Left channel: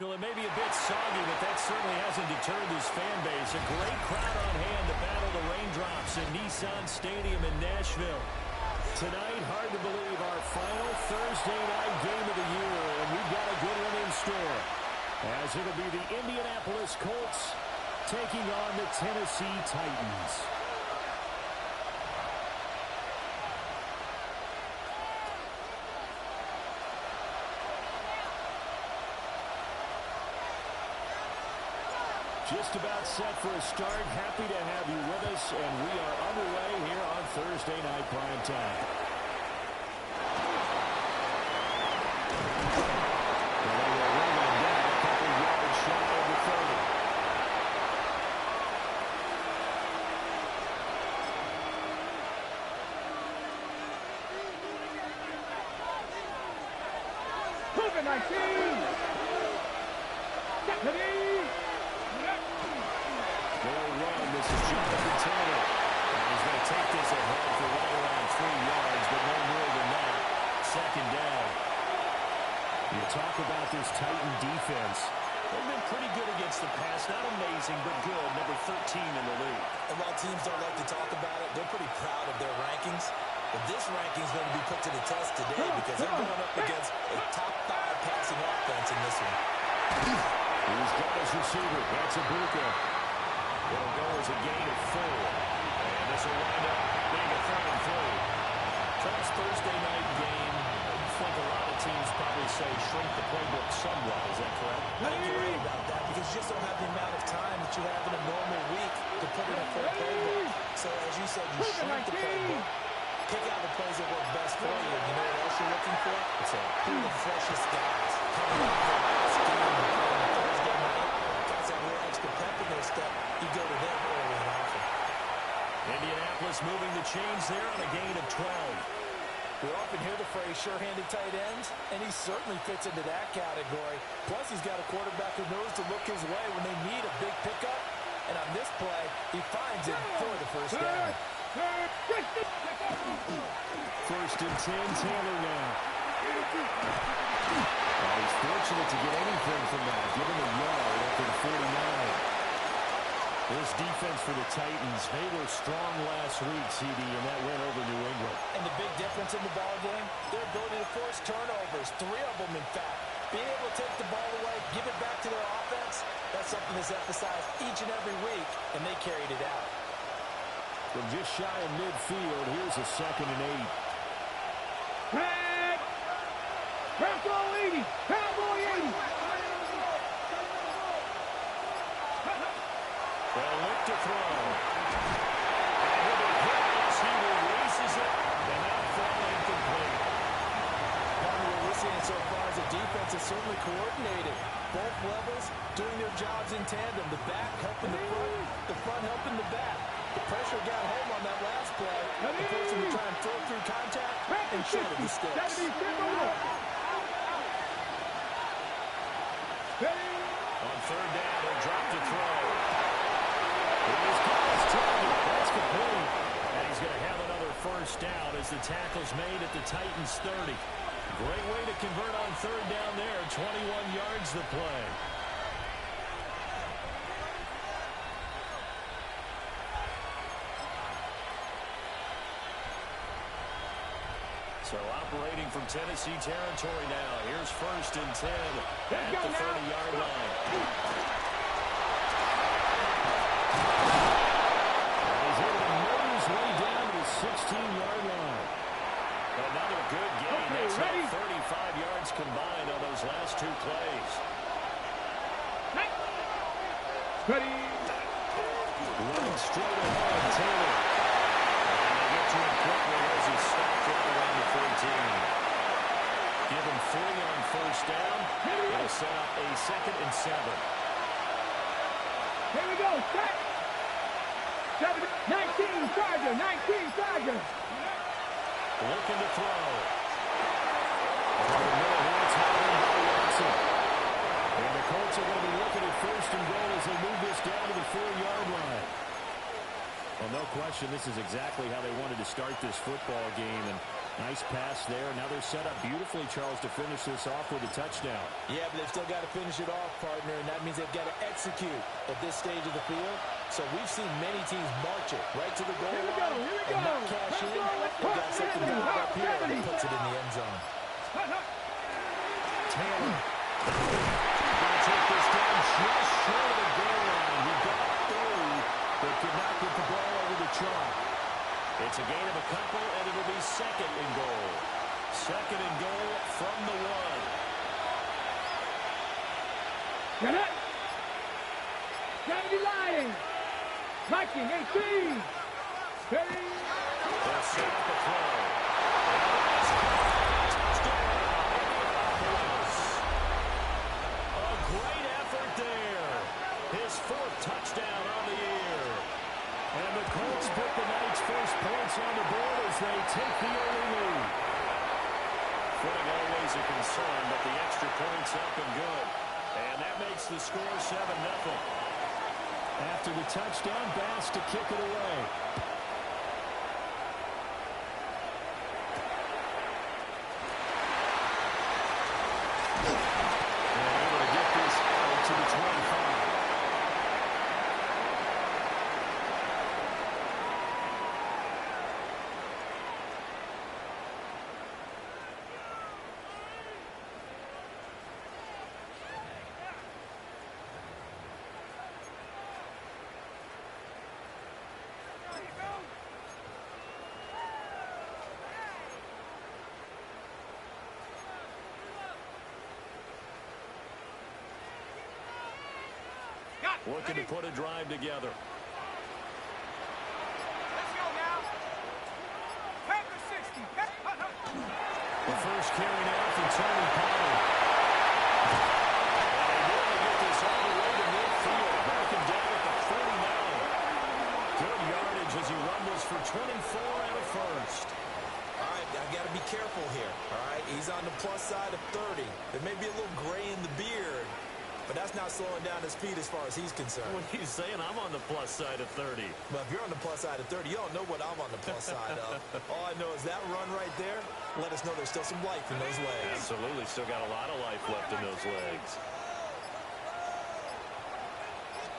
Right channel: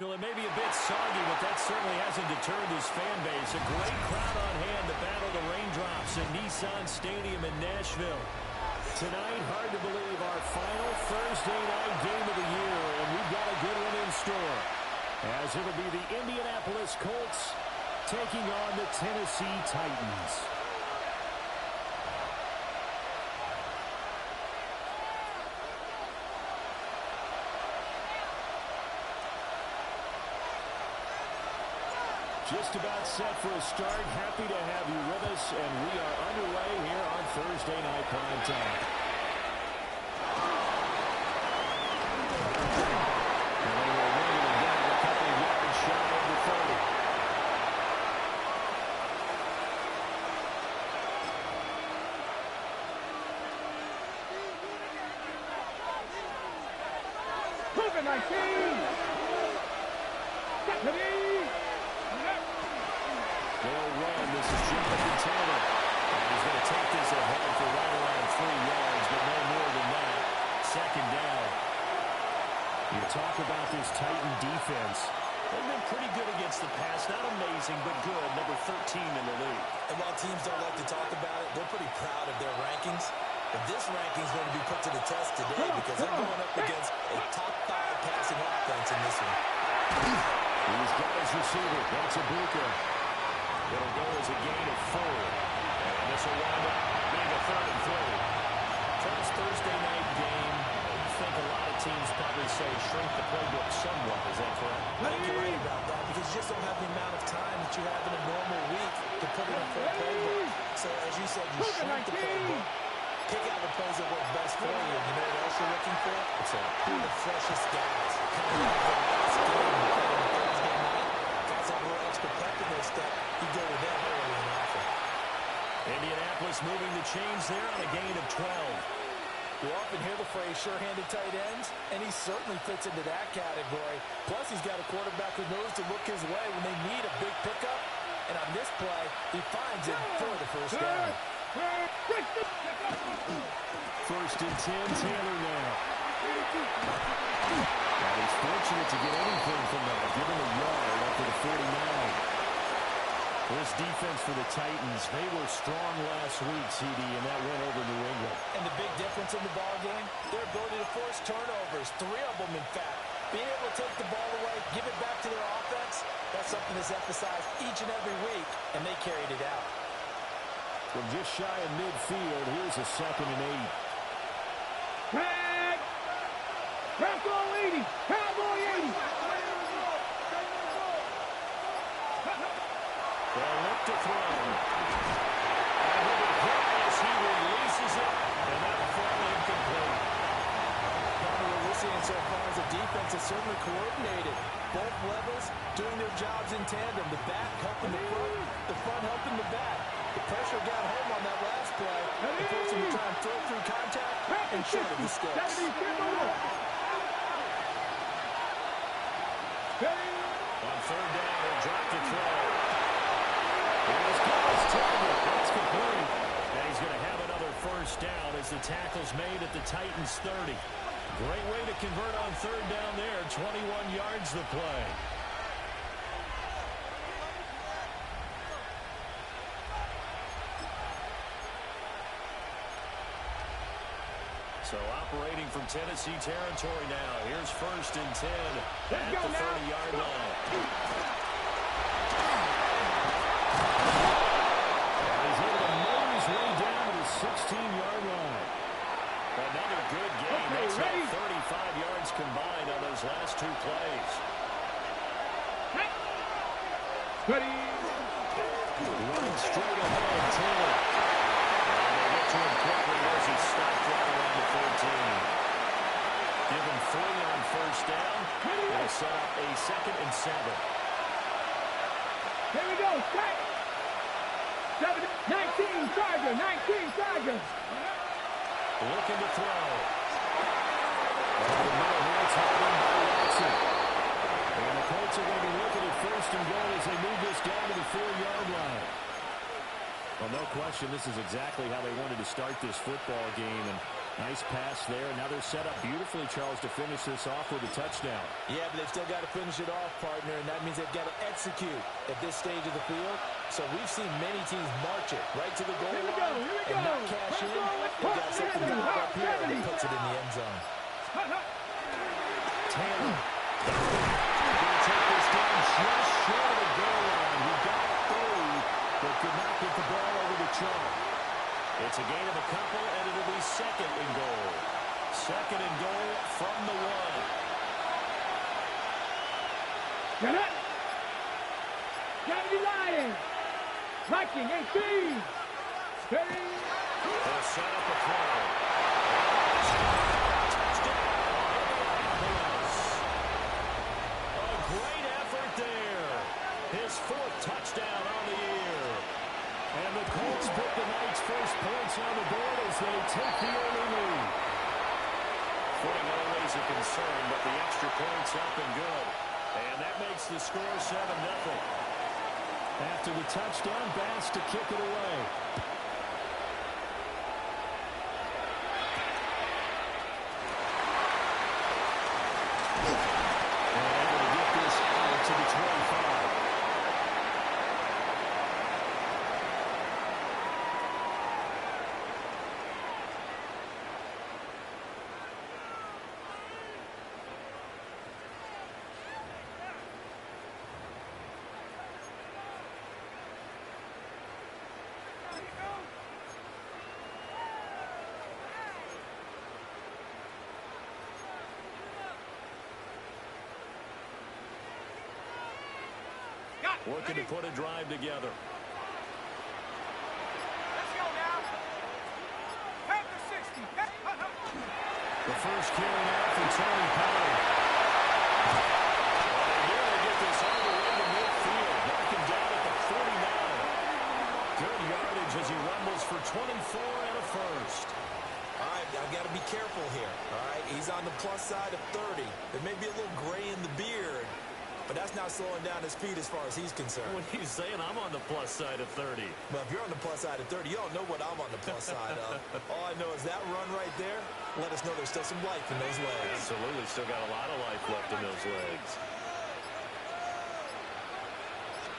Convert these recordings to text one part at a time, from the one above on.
Well, it may be a bit soggy, but that certainly hasn't deterred this fan base. A great crowd on hand to battle the raindrops at Nissan Stadium in Nashville. Tonight, hard to believe, our final Thursday night game of the year, and we've got a good one in store, as it'll be the Indianapolis Colts taking on the Tennessee Titans. Just about set for a start. Happy to have you with us, and we are underway here on Thursday Night Prime Time. And they will run him down a couple yards shy of the 30. w17! They'll run. This is Jonathan Taylor. And he's going to take this ahead for right around 3 yards, but no more than that. Second down. You talk about this Titan defense. They've been pretty good against the pass. Not amazing, but good. Number 13 in the league. And while teams don't like to talk about it, they're pretty proud of their rankings. But this ranking is going to be put to the test today because they're going up against a top 5 passing offense in this one. He's got his receiver. That's Ibuka. It'll go as a gain of 4. And this will wind up being a 3rd and 3. First Thursday night game. I think a lot of teams probably say shrink the playbook somewhat. Is that correct? I think you're right about that because you just don't have the amount of time that you have in a normal week to put in a full playbook. So as you said, you shrink the playbook. Pick out the plays that work best for you. And you know what else you're looking for? It's who are the freshest guys coming off the last game on Thursday night. Guys have a little extra pep in their step. You go to them early and often. Indianapolis moving the chains there on a gain of 12. We often hear the phrase sure-handed tight ends, and he certainly fits into that category. Plus, he's got a quarterback who knows to look his way when they need a big pickup. And on this play, he finds it for the first down. First and 10, Taylor now. And he's fortunate to get anything from that. Give him a yard up to the 49. This defense for the Titans, they were strong last week, CD, and that went over New England. And the big difference in the ball game, their ability to force turnovers, 3 of them, in fact. Being able to take the ball away, give it back to their offense, that's something that's emphasized each and every week, and they carried it out. From just shy of midfield, here's a 2nd and 8. Tag! Cowboy 80! Cowboy 80! They'll look to throw. And he'll be hit as he releases it, and that'll fall incomplete. Partner, what we're seeing so far is a defense that's certainly coordinated. Both levels doing their jobs in tandem. The back helping the front helping the back. The pressure got home on that last play. They forced him to try and throw through contact and short of the sticks. On 3rd down, he'll drop to throw. Here's Gillis target. That's complete. And he's going to have another first down as the tackle's made at the Titans' 30. Great way to convert on 3rd down there. 21 yards the play. So operating from Tennessee territory now. Here's 1st and 10 at the 30-yard line. And he's able to motor his way down to the 16-yard line. Another good gain. That's now 35 yards combined on those last 2 plays. Ready. Running straight ahead, Taylor. And they get to him quickly as he stopped right around the 14. Give him 3 on 1st down. It'll set up a 2nd and 7. Here we go. 19 Chargers. 19 Chargers. Looking to throw. Over the middle here, it's held in by Watson. And the Colts are going to be looking at 1st and goal as they move this down to the 4-yard line. Well, no question, this is exactly how they wanted to start this football game. And Nice pass there. Now they're set up beautifully, Charles, to finish this off with a touchdown. Yeah, but they've still got to finish it off, partner, and that means they've got to execute at this stage of the field. So we've seen many teams march it right to the goal line and not cash in. They've got something dialed up here that puts it in the end zone. Taylor. Going to take this down just short of the goal line. He got through, but could not get the ball over the chalk. It's a gain of a couple, and it'll be second and goal. Second and goal from the 1. Get it. Kennedy Lions. Viking 18. Steady. They'll set up a throw. Touchdown, Indianapolis. A great effort there. His 4th touchdown on the year. And the Colts put the Knights' first points on the board as they take the early lead. Footing always a concern, but the extra point's up and good. And that makes the score 7-0. After the touchdown, Bass to kick it away. And able to get this out to the 25. Looking to put a drive together. Let's go now. Panther 60. The first carry now from Tony Pollard. And they nearly get this all the way to midfield. Mark him down at the 49. Good yardage as he rumbles for 24 and a first. All right, I've got to be careful here, all right? He's on the plus side of 30. There may be a little gray in the beard, but that's not slowing down his speed as far as he's concerned. What are you saying? I'm on the plus side of 30. Well, if you're on the plus side of 30, you don't know what I'm on the plus side of. All I know is that run right there, let us know there's still some life in those legs. Absolutely. Still got a lot of life left in those legs.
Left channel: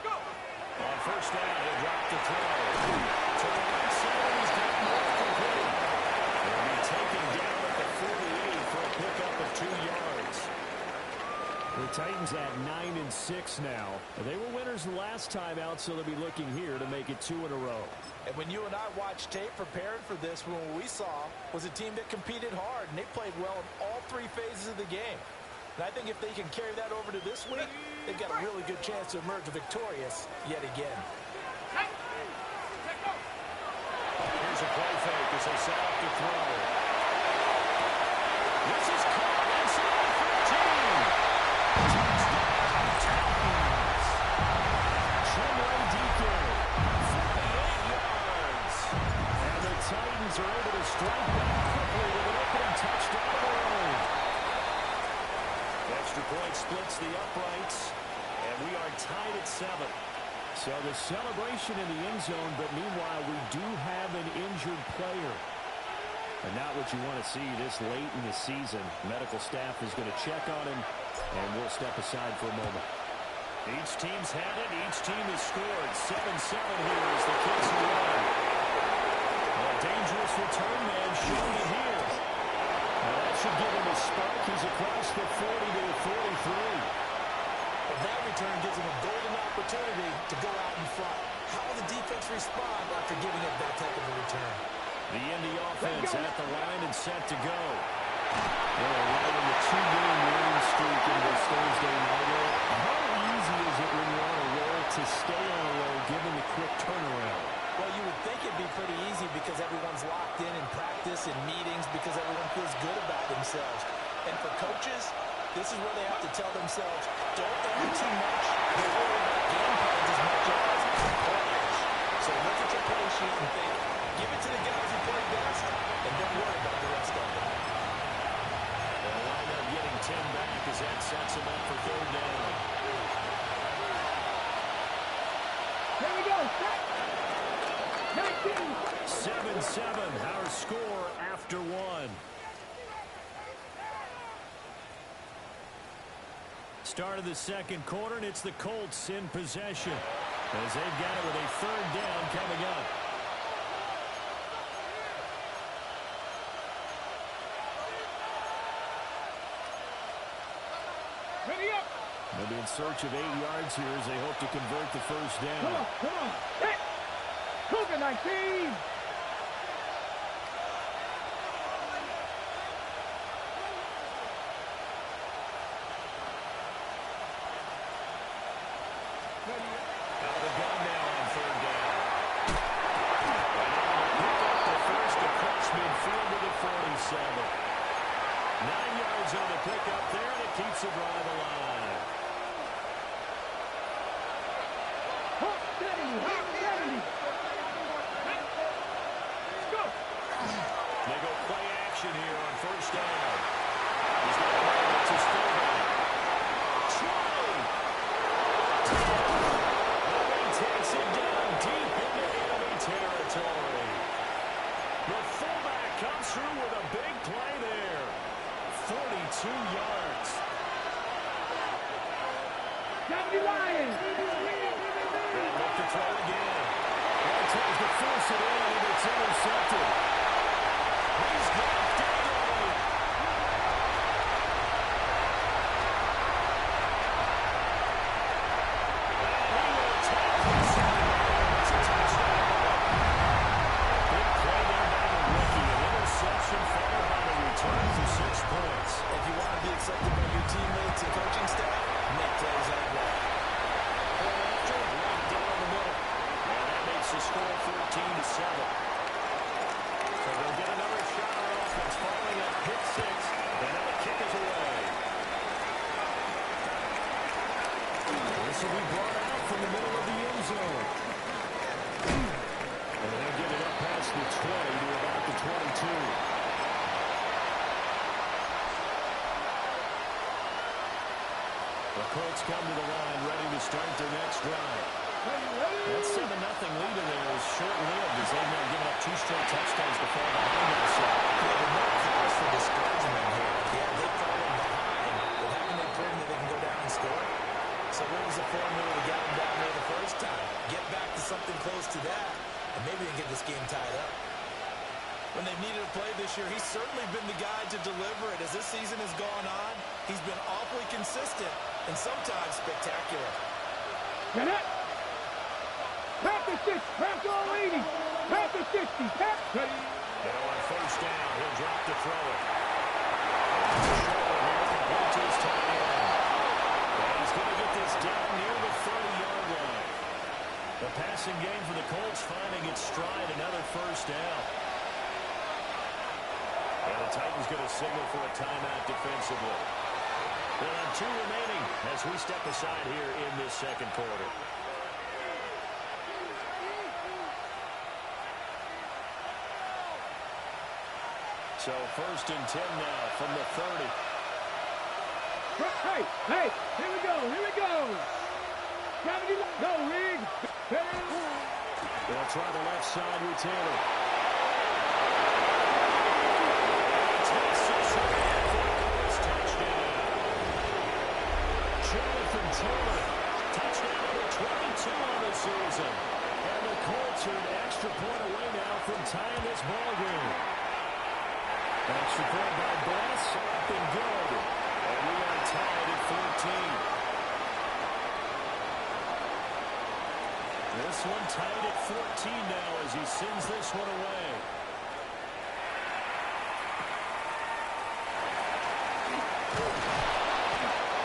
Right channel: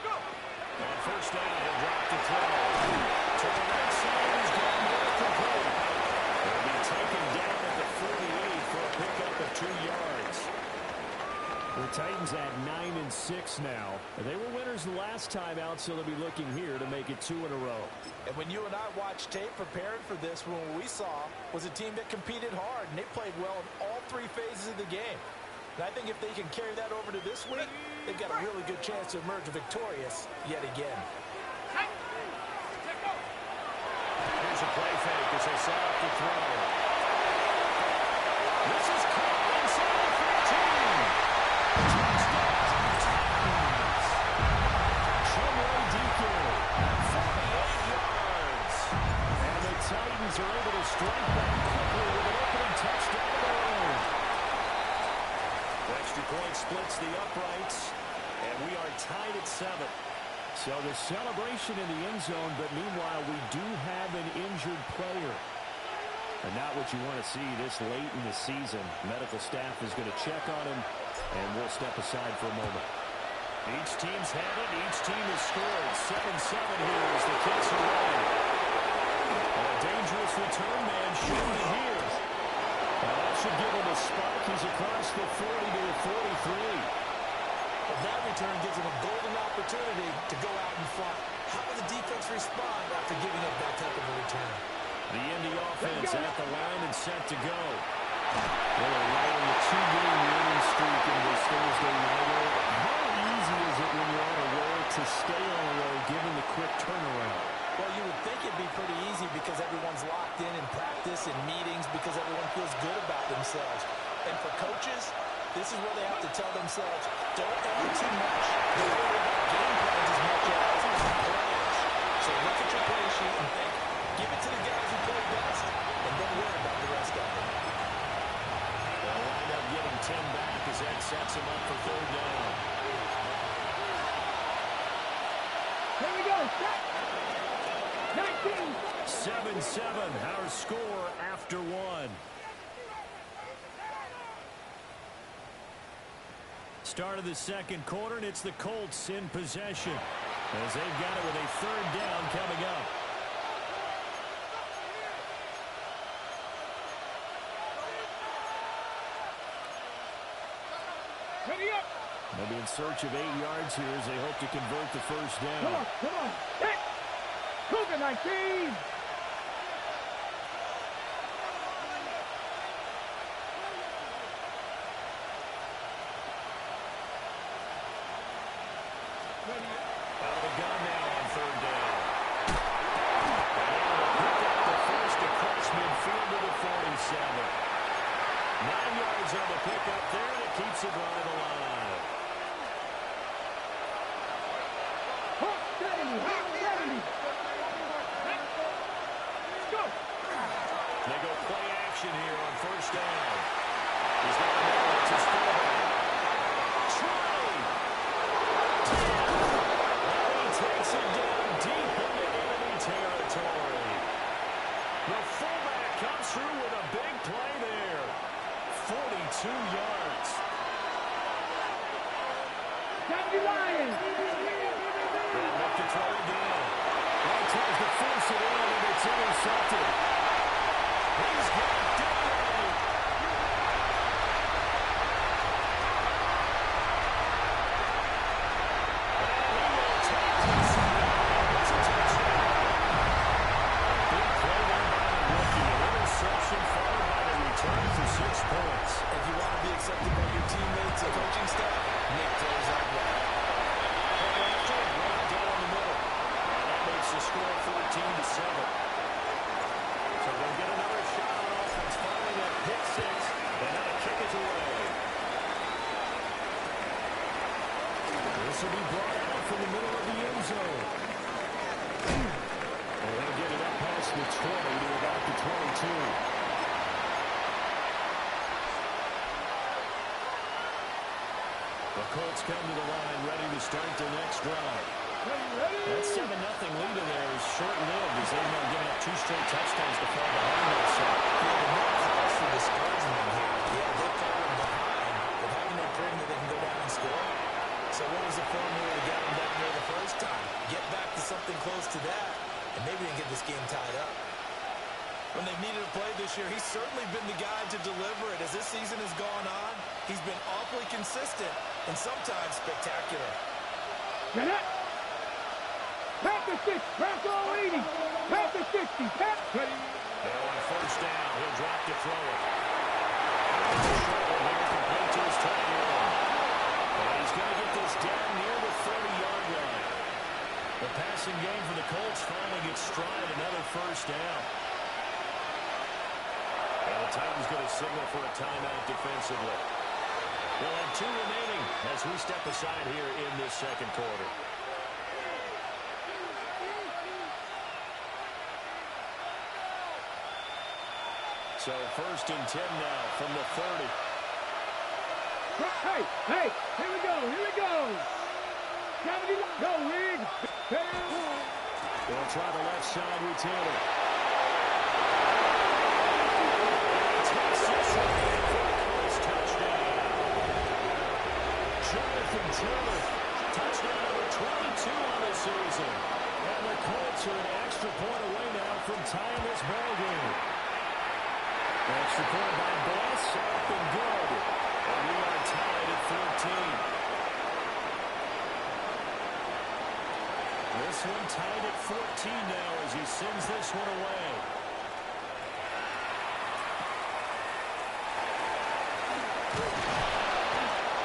On first down, he'll drop the throw. To the right side, he's got more complete. He'll be taken down at the 48 for a pickup of 2 yards. The Titans at 9-6 now. They were winners the last time out, so they'll be looking here to make it 2 in a row. And when you and I watched tape preparing for this, what we saw was a team that competed hard, and they played well in all 3 phases of the game. And I think if they can carry that over to this week, they've got a really good chance to emerge victorious yet again. Here's a play fake as they set up the throw. This is caught inside the 15. Touchdown, Titans. Chumray DK, 48 yards. And the Titans are able to strike back quickly with an opening touchdown of their own. The extra point splits the uprights, and we are tied at 7. So the celebration in the end zone, but meanwhile we do have an injured player. And not what you want to see this late in the season. Medical staff is going to check on him, and we'll step aside for a moment. Each team's had it. Each team has scored. 7-7 here as the kicks away. A dangerous return man showing it here. Now that should give him a spark. He's across the 40 to the 43. But that return gives him a golden opportunity to go out in front. How will the defense respond after giving up that type of a return? The Indy offense at the line and set to go. They're right in the 2-game winning streak in this Thursday nighter. How easy is it when you're on a roll to stay on a roll given the quick turnaround? Well, you would think it'd be pretty easy because everyone's locked in practice and meetings because everyone feels good about themselves. And for coaches, this is where they have to tell themselves, don't enter too much. Don't worry about game plans as much as players. So look at your play sheet and think, give it to the guys who play best, and don't worry about the rest of it. They'll wind up getting 10 back as that sets him up for 3rd down. Here we go. Set. 7-7, our score after one. Start of the second quarter, and it's the Colts in possession as they've got it with a third down coming up. Ready up. They'll be in search of 8 yards here as they hope to convert the first down. Come on. Hit. Cougar 19. Out of the gun now on third down. And able to pick up the first across midfield to the 47. 9 yards on the pickup there, and it keeps the drive alive. 70. Go. They go play action here on first down. He's got a man. It's his fullback. 20. 10. And he takes it down deep into enemy territory. The fullback comes through with a big play there. 42 yards. 70 Lions. And look to throw again. Well, tries to force it in, and it's intercepted. He's got daylight. And he will take this one. It's a touchdown. Big play there by the rookie. An interception followed by the return for 6 points. If you want to be accepted by your teammates and coaching staff, make plays like that. Point after, right down the middle. And that makes the score 14-7. So they'll get another shot on offense following that pick six. And now the kick is away. This will be brought out from the middle of the end zone. And they'll get it up past the 20 to about the 22. The Colts come to the line, ready to start their next drive. That 7-0 lead of theirs short-lived as they've now given up 2 straight touchdowns to fall behind also. Yeah, but no cause for discouragement here. Yeah, they've fallen behind, but haven't they proven that they can go down and score? So what was the formula that got them down there the first time? Get back to something close to that, and maybe they can get this game tied up. When they've needed a play this year, he's certainly been the guy to deliver it. As this season has gone on, he's been awfully consistent and sometimes spectacular. Get it. Tap the 6. Tap all 80. Tap the 60. Tap. Ready. Now on first down, he'll drop to throw it. And the short one here complete to his tight end. And he's going to get this down near the 30-yard line. The passing game for the Colts finding its stride, another first down. And the Titans going to signal for a timeout defensively. They'll have 2 remaining as we step aside here in this second quarter. So first and 10 now from the 30. Hey, here we go. Go, Rig. They'll try the left side with Taylor. Takes this one in for a Colts touchdown. Jonathan Taylor, touchdown number 22 on the season. And the Colts are an extra point away now from tying this ball game. Extra point by Bless, up and good. And we are tied at 14. This one tied at 14 now as he sends this one away.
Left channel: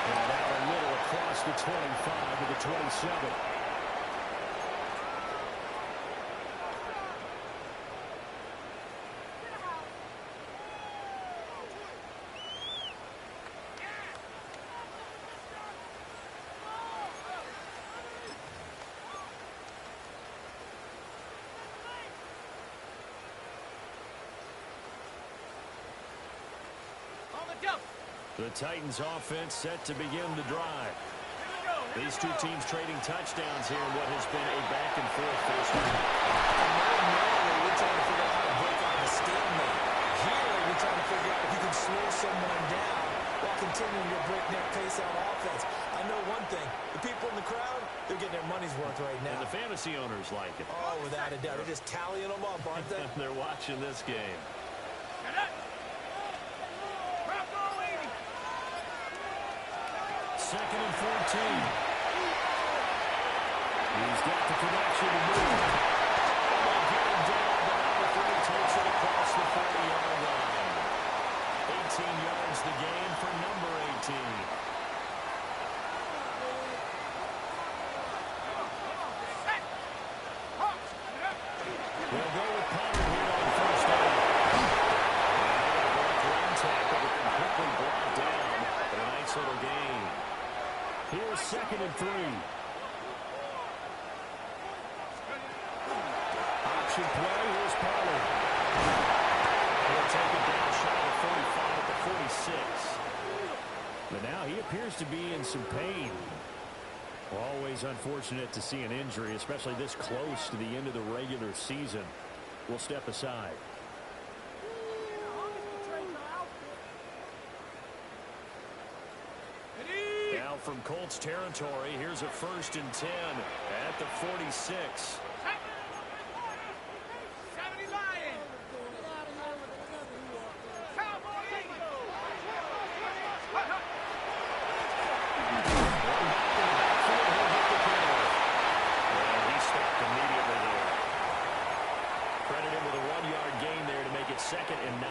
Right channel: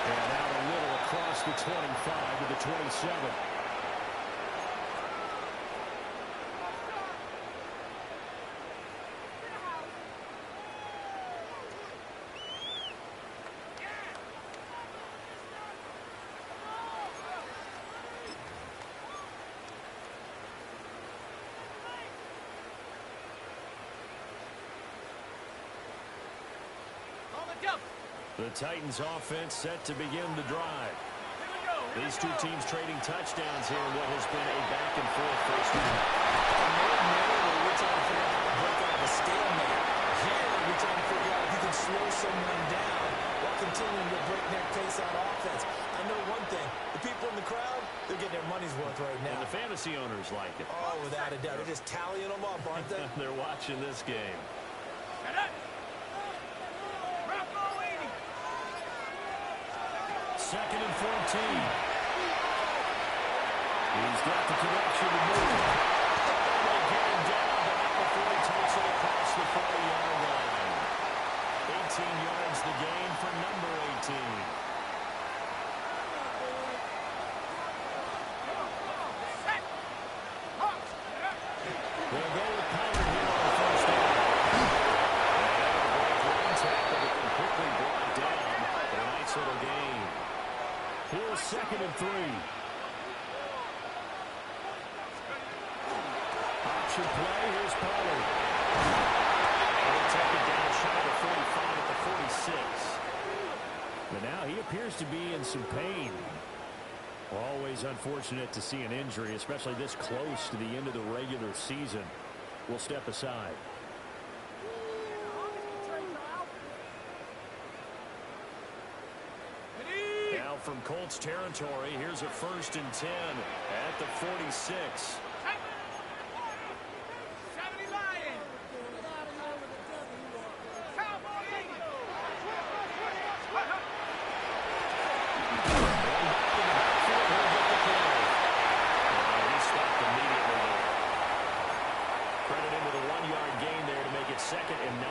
And out a little across the 25 to the 27. The Titans offense set to begin the drive. Here we go. These two teams trading touchdowns here in what has been a back-and-forth first half. Ordinarily, we're trying to figure out how to break out of a stalemate. Here, we're trying to figure out if you can slow someone down while continuing your breakneck pace on offense. I know one thing. The people in the crowd, they're getting their money's worth right now. And the fantasy owners like it. Oh, without a doubt. They're just tallying them up, aren't they? They're watching this game. Second and 14. He's got the connection to move. And they get him down, but not before he takes it across the 40-yard line. 18 yards the gain for number 18. They'll go with Pollard here on first down. And able to break one tackle, but then quickly brought down. But a nice little gain. Here's second and 3. Option play. Here's Pollard. He'll take it down shy of the 45 at the 46. But now he appears to be in some pain. Always unfortunate to see an injury, especially this close to the end of the regular season. We'll step aside. Now from Colts territory, here's a 1st and 10 at the 46. Second and 9.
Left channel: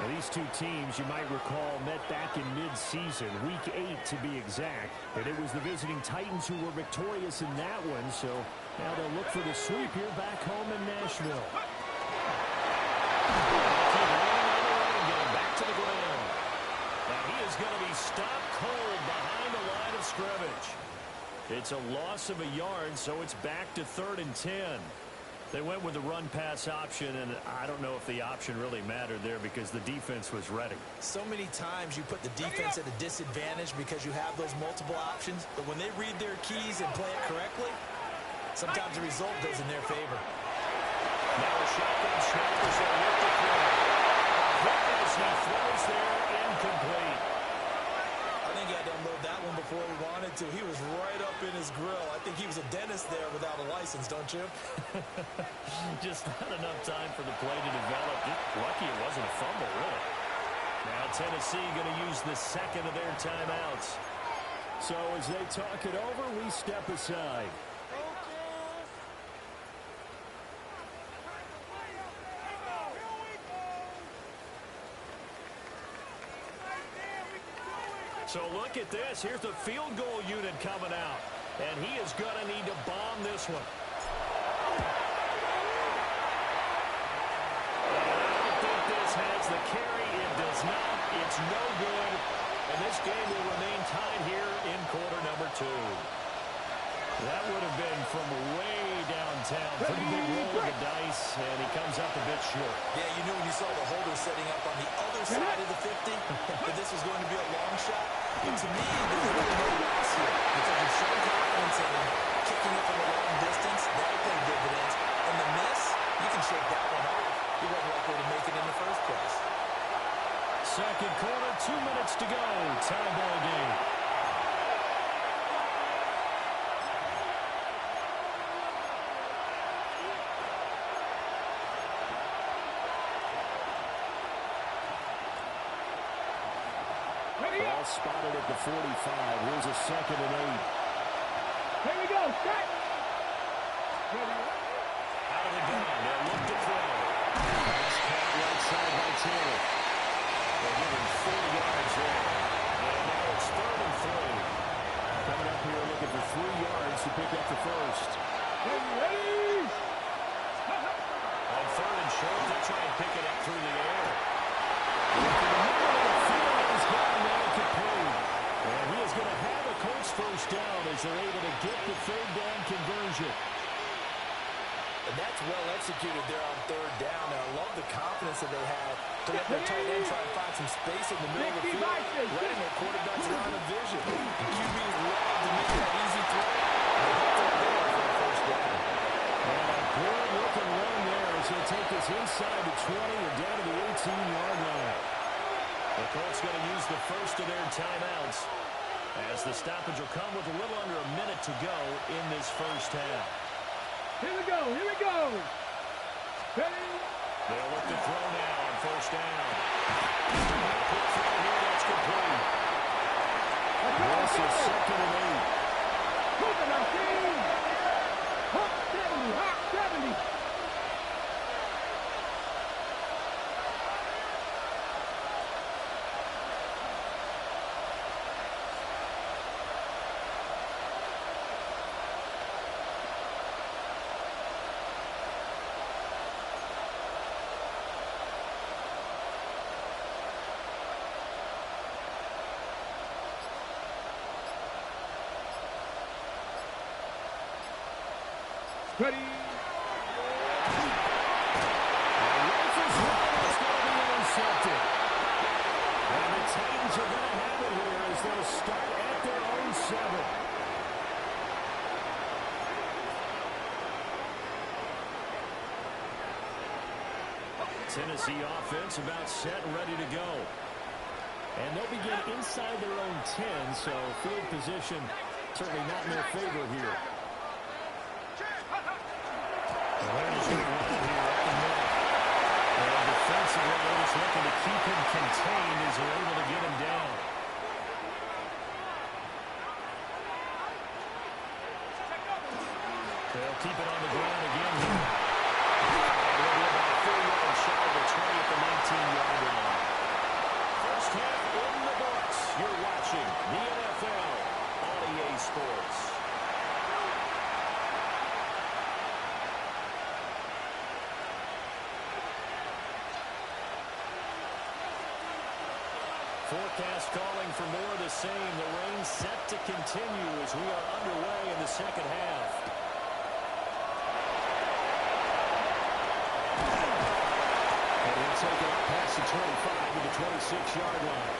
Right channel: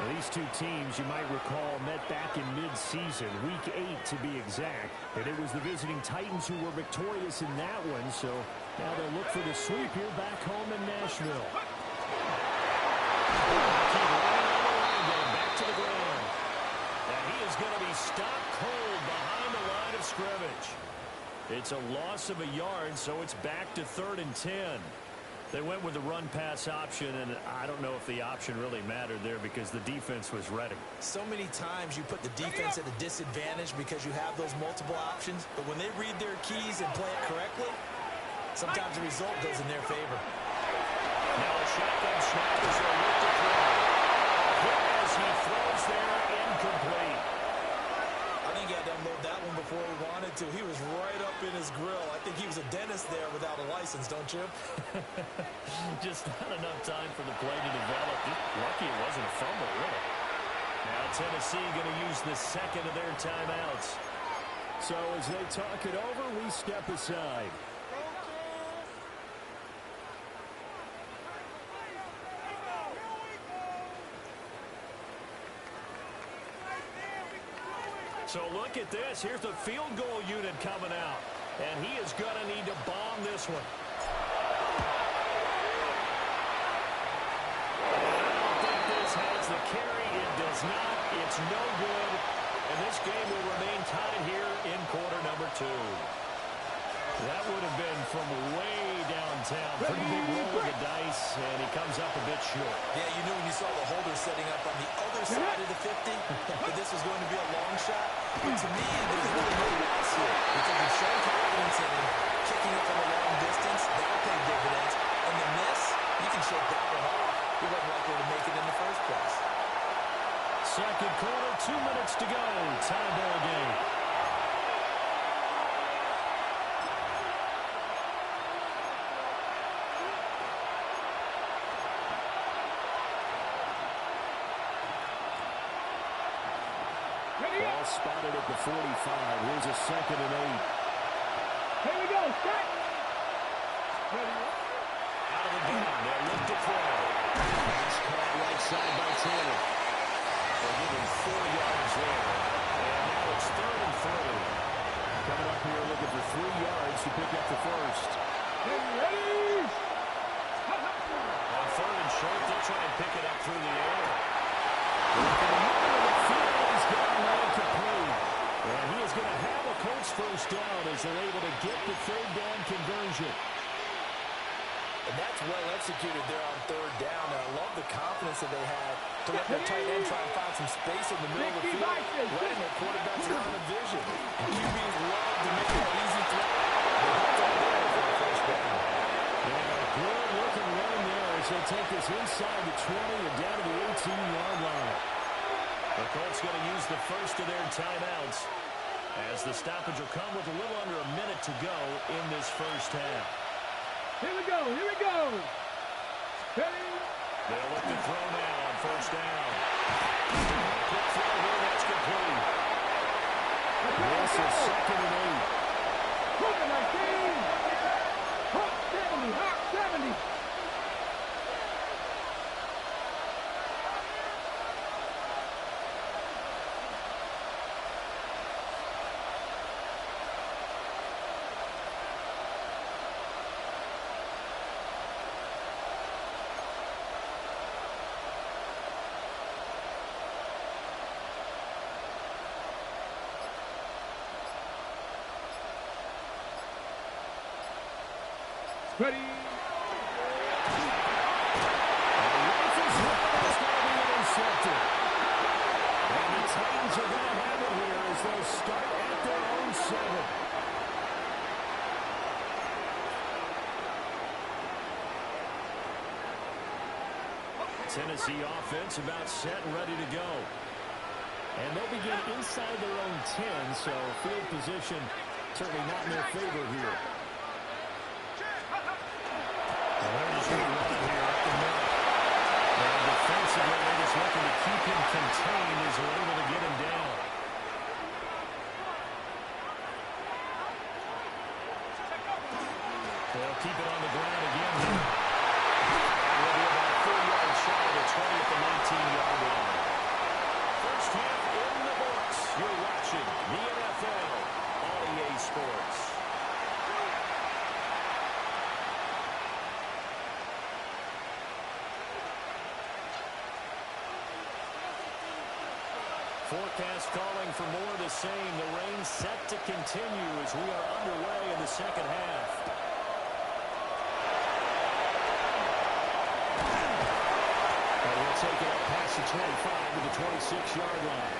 Now, these two teams, you might recall, met back in mid-season, week 8 to be exact. And it was the visiting Titans who were victorious in that one. So now they'll look for the sweep here back home in Nashville. Keep running on the running game, back to the ground. And he is going to be stopped cold behind the line of scrimmage. It's a loss of a yard, so it's back to 3rd and 10. They went with the run-pass option, and I don't know if the option really mattered there because the defense was ready. So many times you put the defense at a disadvantage because you have those multiple options, but when they read their keys and play it correctly, sometimes the result goes in their favor. Now a shotgun snap as they look to throw. Hit as he throws there, incomplete. I think he had to unload that one before he wanted to. He was right up in his grill. I think he was a dentist there without a license, don't you? Just not enough time for the play to develop. Just lucky it wasn't a fumble, really. Now Tennessee going to use the second of their timeouts. So as they talk it over, we step aside. So look at this. Here's the field goal unit coming out. And he is going to need to bomb this one. And I don't think this has the carry. It does not. It's no good. And this game will remain tied here in quarter number 2. That would have been from way downtown. Pretty big roll of the dice, and he comes up a bit short. Yeah, you knew when you saw the holder setting up on the other side of the 50 that this was going to be a long shot. But to me, there's really no loss here because you've shown confidence in him. Kicking it from a long distance, that'll pay dividends. And the miss, you can shake that one off. He wasn't likely to make it in the first place. Second quarter, 2 minutes to go. Tie ball game. Ball spotted at the 45. Here's a 2nd and 8. Here we go. Set. Ready. Out of the gun. They'll look to throw. Pass caught right side by Taylor. They'll give him 4 yards there. And now it's 3rd and 3. Coming up here looking for 3 yards to pick up the first. Ready. On 3rd and short, they'll try and pick it up through the air. Look in the middle of the field. He's got an incomplete. And he is going to have a Colts first down as they're able to get the 3rd down conversion. And that's well executed there on third down. And I love the confidence that they had to let their tight end try and find some space in the middle of the field, letting their quarterback's line of vision. And QBs love to make that easy throw. They hooked up there for a first down. And a good-looking run there as they take this inside the 20 and down to the 18-yard line. The Colts going to use the first of their timeouts as the stoppage will come with a little under a minute to go in this first half. Here we go. Here we go. Ready? They'll look to throw now on first down. A quick throw here. That's complete. This is second and 8. Hook 19. Hook 70. Hook 70. Ready? And the rifle's one is going to be intercepted. And the Titans are going to have it here as they'll start at their own 7. Tennessee offense about set and ready to go. And they'll begin inside their own 10, so field position certainly not in their favor here. They're just going to run it here up the middle. And defensively, they're just looking to keep him contained as they're able to get him down. They'll keep it on the ground again here. And we'll be about 4 yards shy of the 20 at the 19-yard line. First half in the books. You're watching the NFL on EA Sports. Forecast calling for more of the same. The rain set to continue as we are underway in the second half. And he'll take it up past the 25 to the 26-yard line.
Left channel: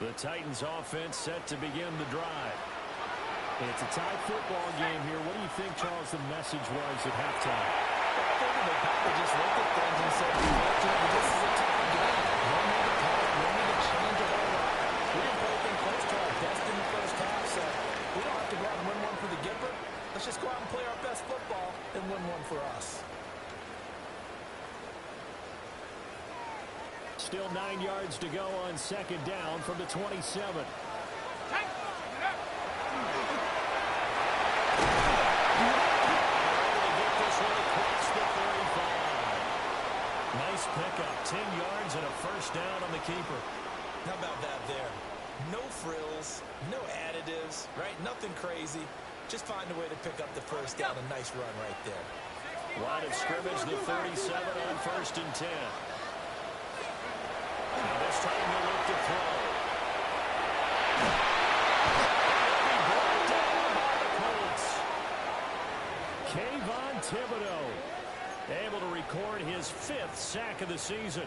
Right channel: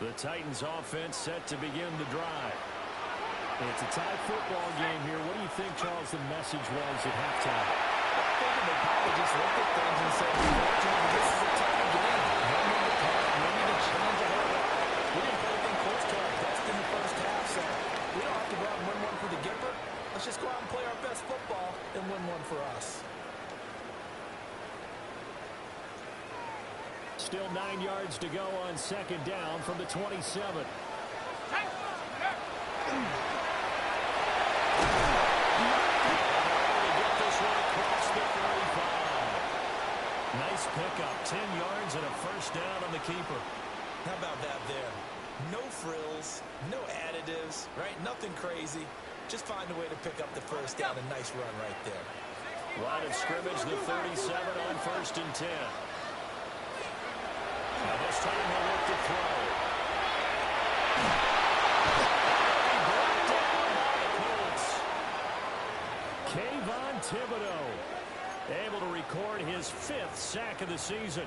The Titans offense set to begin the drive. It's a tie football game here. What do you think, Charles, the message was at halftime? Well, I think they probably just looked at things and said, unfortunately, this is a tie game. No need to panic. No need to change a whole lot. We didn't play anything close to our best in the first half, so we don't have to go out and win one for the Gipper. Let's just go out and play our best football and win one for us. Still 9 yards to go on second down from the 27. Ready to get this one across the 35. Nice pickup. 10 yards and a first down on the keeper. How about that there? No frills, no additives, right? Nothing crazy. Just find a way to pick up the first down. A nice run right there. Line of scrimmage, the 37 on first and 10. Now this time he'll look to throw. He'll be brought down by the Colts. Kayvon Thibodeau able to record his 5th sack of the season.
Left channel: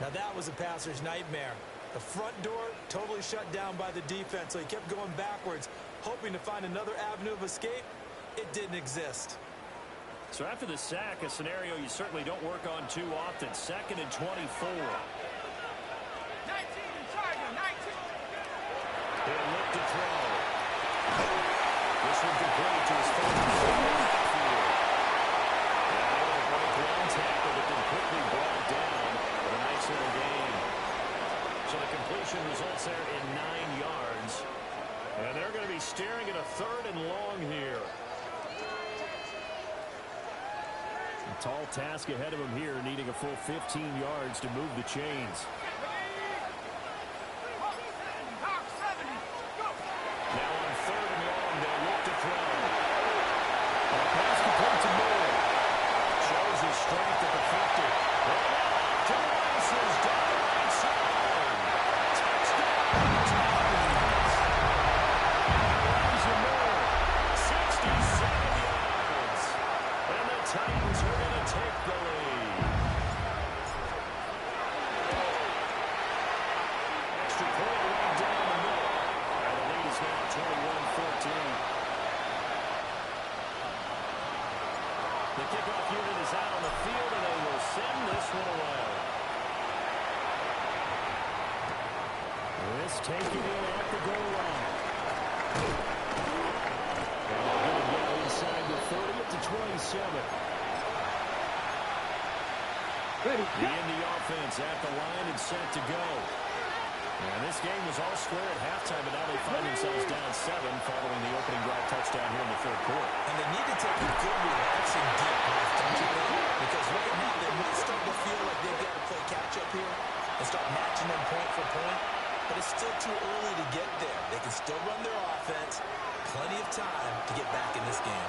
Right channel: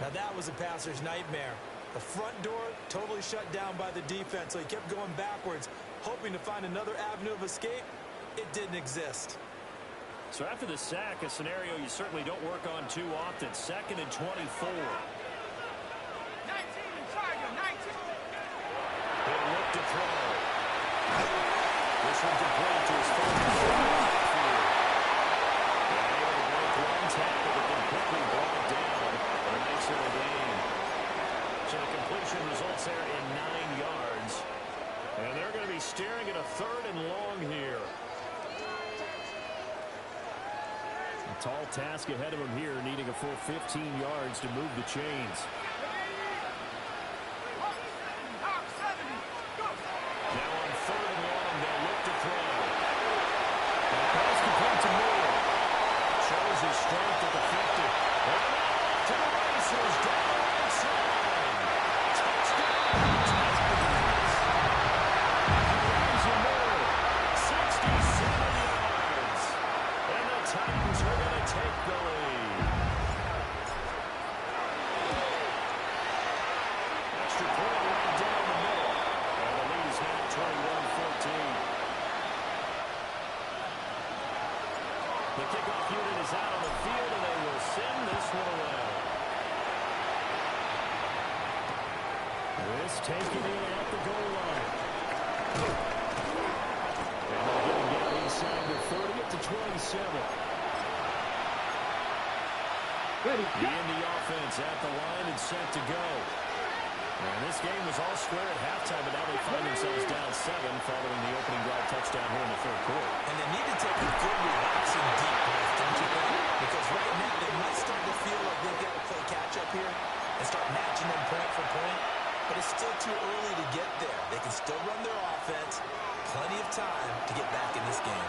Now that was a passer's nightmare. The front door totally shut down by the defense, so he kept going backwards, hoping to find another avenue of escape. It didn't exist. So after the sack, a scenario you certainly don't work on too often. 2nd and 24. 19, Tiger, 19. He'll look to throw. This one complete to his full field. Yeah, able to break one tackle, but then quickly brought down. But a nice little gain. So the completion results there in 9 yards. And they're going to be staring at a 3rd and long here. A tall task ahead of him here, needing a full 15 yards to move the chains. Now on 3rd and long, they'll look to throw. Pass complete to Moore. Shows shows his strength at the 50. And now to the races down the right side. Touchdown, Titans. Raising more, 67 yards. And the Titans are going to take the lead. Extra point right down the middle. And the lead is now 21-14. The kickoff unit is out on the field, and they will send this one away. This taken in at the goal line. And they'll get him down inside the 30 up to 27. Ready, The Indy offense at the line and set to go. And this game was all square at halftime, but now they find themselves down 7 following the opening drive touchdown here in the third quarter. And they need to take a good, relaxing, deep breath, don't you think? Because right now they might start to feel like they've got to play catch-up here and start matching them point for point. But it's still too early to get there. They can still run their offense. Plenty of time to get back in this game.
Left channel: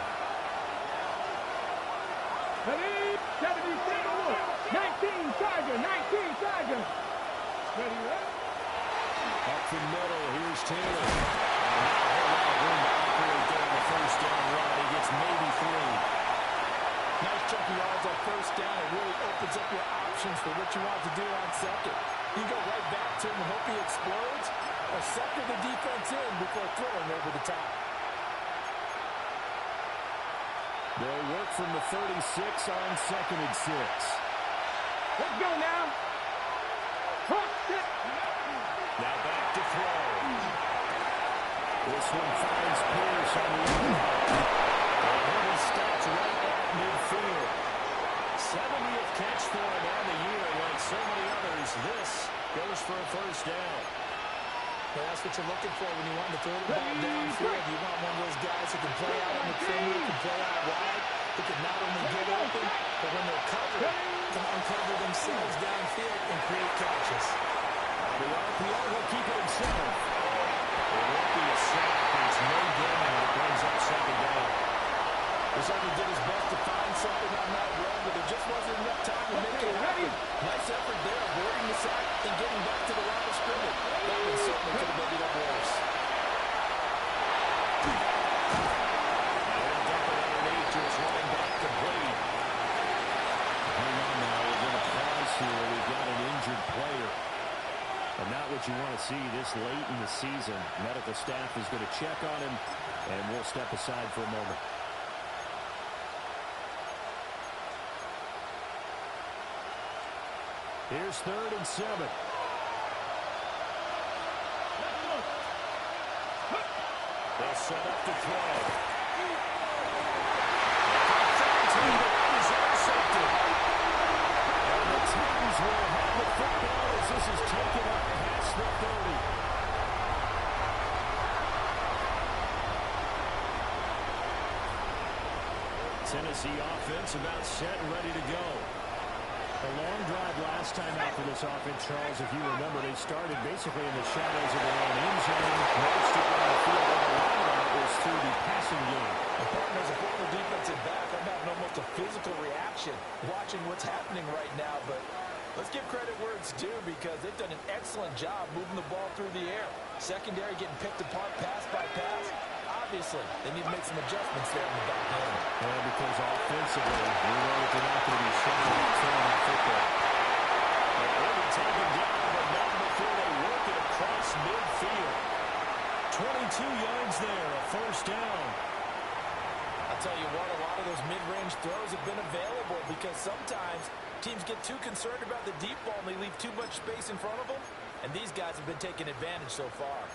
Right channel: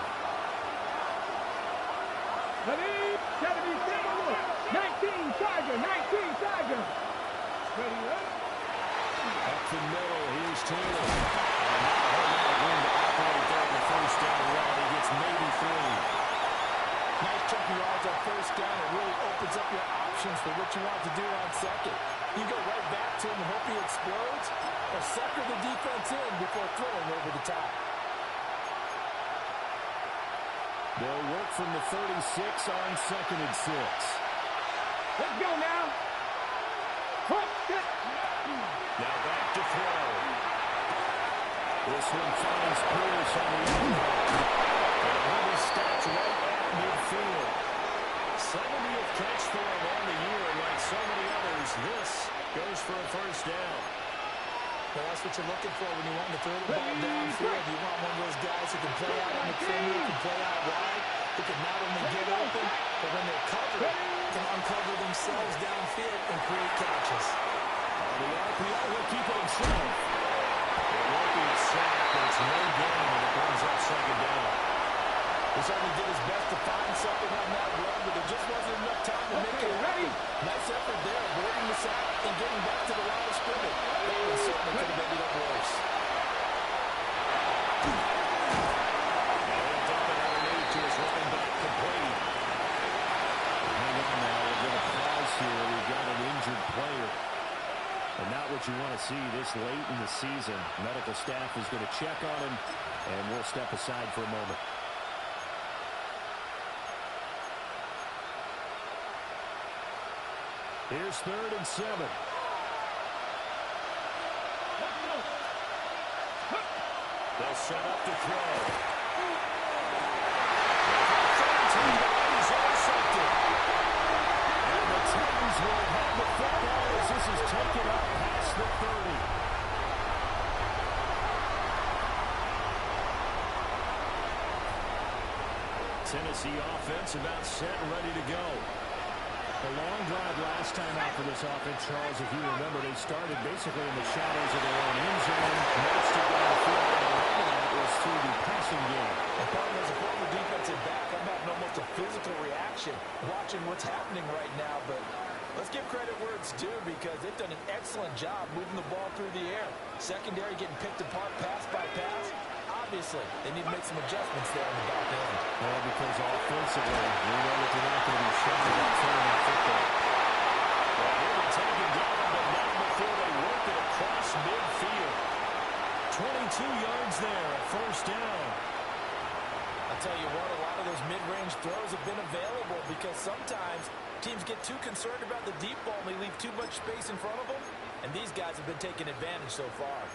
77, 19 Tiger, 19 Tiger. Ready, ready? Up the middle, here's Taylor. And now a whole lot of room to operate there on the first down run. He gets maybe 3. Nice chunky yards on first down. It really opens up your options for what you want to do on second. You go right back to him and hope he explodes, or sucker the defense in before throwing over the top. They'll work from the 36 on 2nd and 6. Let's go now. Hop, step. Now back to throw. This one finds Pierce on the other line. And he'll be stopped right at midfield. 70th catch for him on the year, and like so many others, this goes for a first down. Well, that's what you're looking for when you want to throw the ball downfield. You want one of those guys who can play out on the perimeter, can play out wide, who can not only get open, but when they're covered, can uncover themselves downfield and create catches. On the RPO, he'll keep it himself. It won't be a sack, but it's no gain, and it brings up 2nd down. He certainly did his best to find something on that run, but there just wasn't enough time to make it happen. Nice effort there, avoiding the sack and getting back to the line of scrimmage. That one certainly could have ended up worse. Now he'll dump it underneath to his running back, complete. Hang on now, we're going to pause here. We've got an injured player. And not what you want to see this late in the season. Medical staff is going to check on him, and we'll step aside for a moment. Here's 3rd and 7. They'll set up to throw. And is intercepted. And the Titans will have the football as this is taken up past the 30. Tennessee offense about set and ready to go. A long drive last time out for this offense, Charles. If you remember, they started basically in the shadows of their own end zone. Most of down the field, and a lot of that was through the passing game. And partner, as a former defensive back, I'm having almost a physical reaction watching what's happening right now. But let's give credit where it's due, because they've done an excellent job moving the ball through the air. Secondary getting picked apart pass by pass. Obviously, they need to make some adjustments there in the back end. Yeah, because offensively, we know that they're not going to be shy about throwing that football. Well, he'll be taken down, but not before they work it across midfield. 22 yards there, a first down. I'll tell you what, a lot of those mid-range throws have been available, because sometimes teams get too concerned about the deep ball and they leave too much space in front of them, and these guys have been taking advantage so far.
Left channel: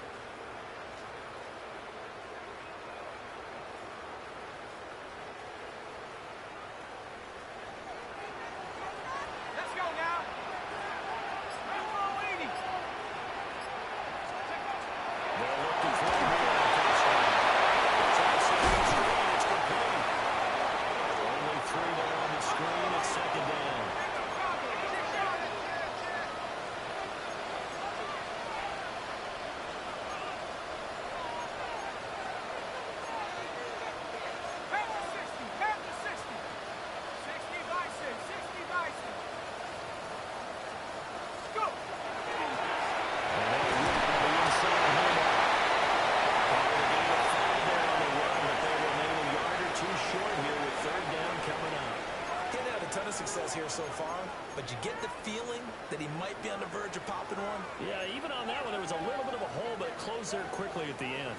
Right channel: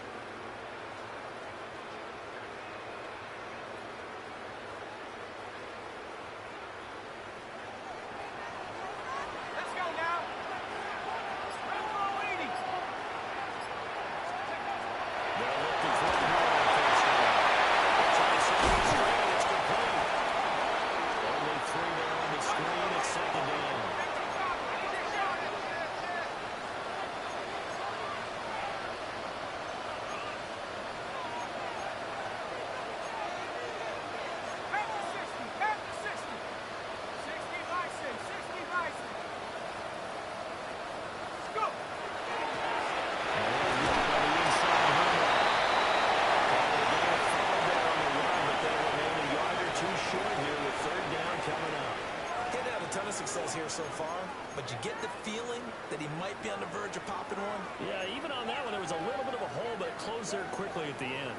of success here so far, but you get the feeling that he might be on the verge of popping one. Yeah, even on that one, there was a little bit of a hole, but it closed there quickly at the end.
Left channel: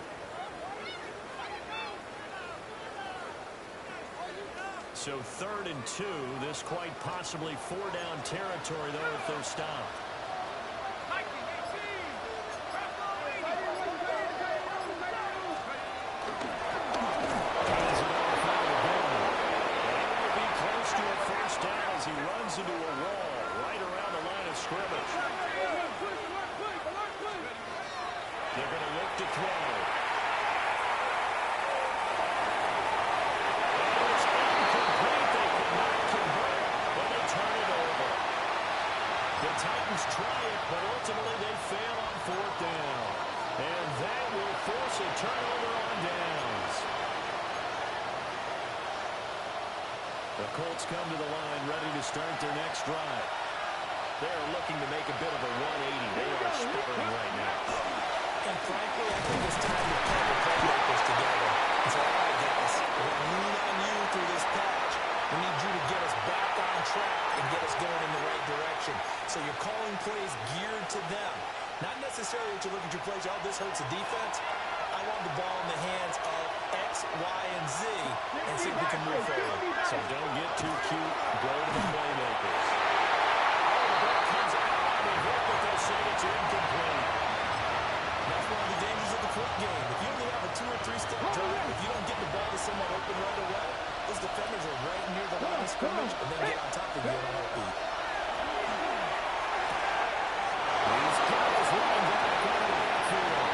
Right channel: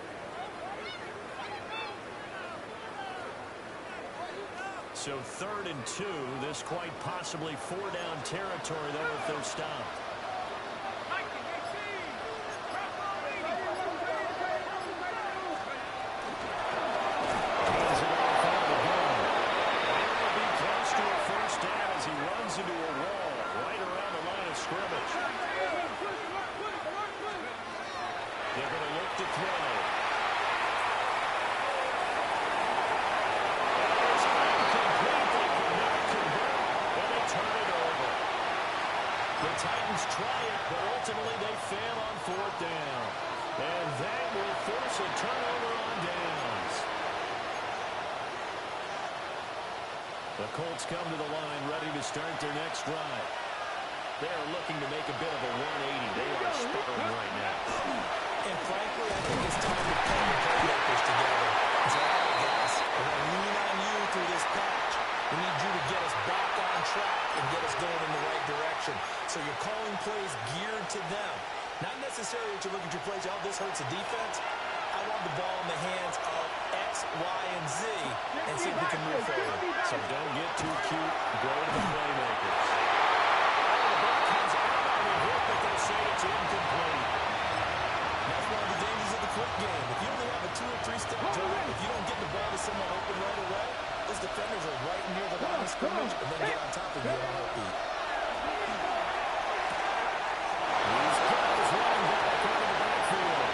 So 3rd and 2. This quite possibly 4-down territory, though, if they're stopped. As he runs into a wall right around the line of scrimmage. They're going to look to throw. And it's incomplete. They could not convert, and they turn it over. The Titans try it, but ultimately they fail on 4th down. And that will force a turnover on downs. The Colts come to the line, ready to start their next drive. They're looking to make a bit of a 180. They are sputtering right now. And frankly, I think it's time to pull the playmakers together and say, all right, guys, we're going to lean on you through this patch. We need you to get us back on track and get us going in the right direction. So you're calling plays geared to them. Not necessarily to look at your plays, oh, this hurts the defense. I want the ball in the hands of X, Y, and Z and see if we can move forward. So don't get too cute. Go to the playmakers. Oh, the ball comes out on the hit, but they'll say it's incomplete. That's one of the dangers of the quick game. If you only have a 2- or 3-step drive, if you don't get the ball to someone open right away, those defenders are right near the line of scrimmage and they get on top of you on a heartbeat. He's got his running back out of the backfield.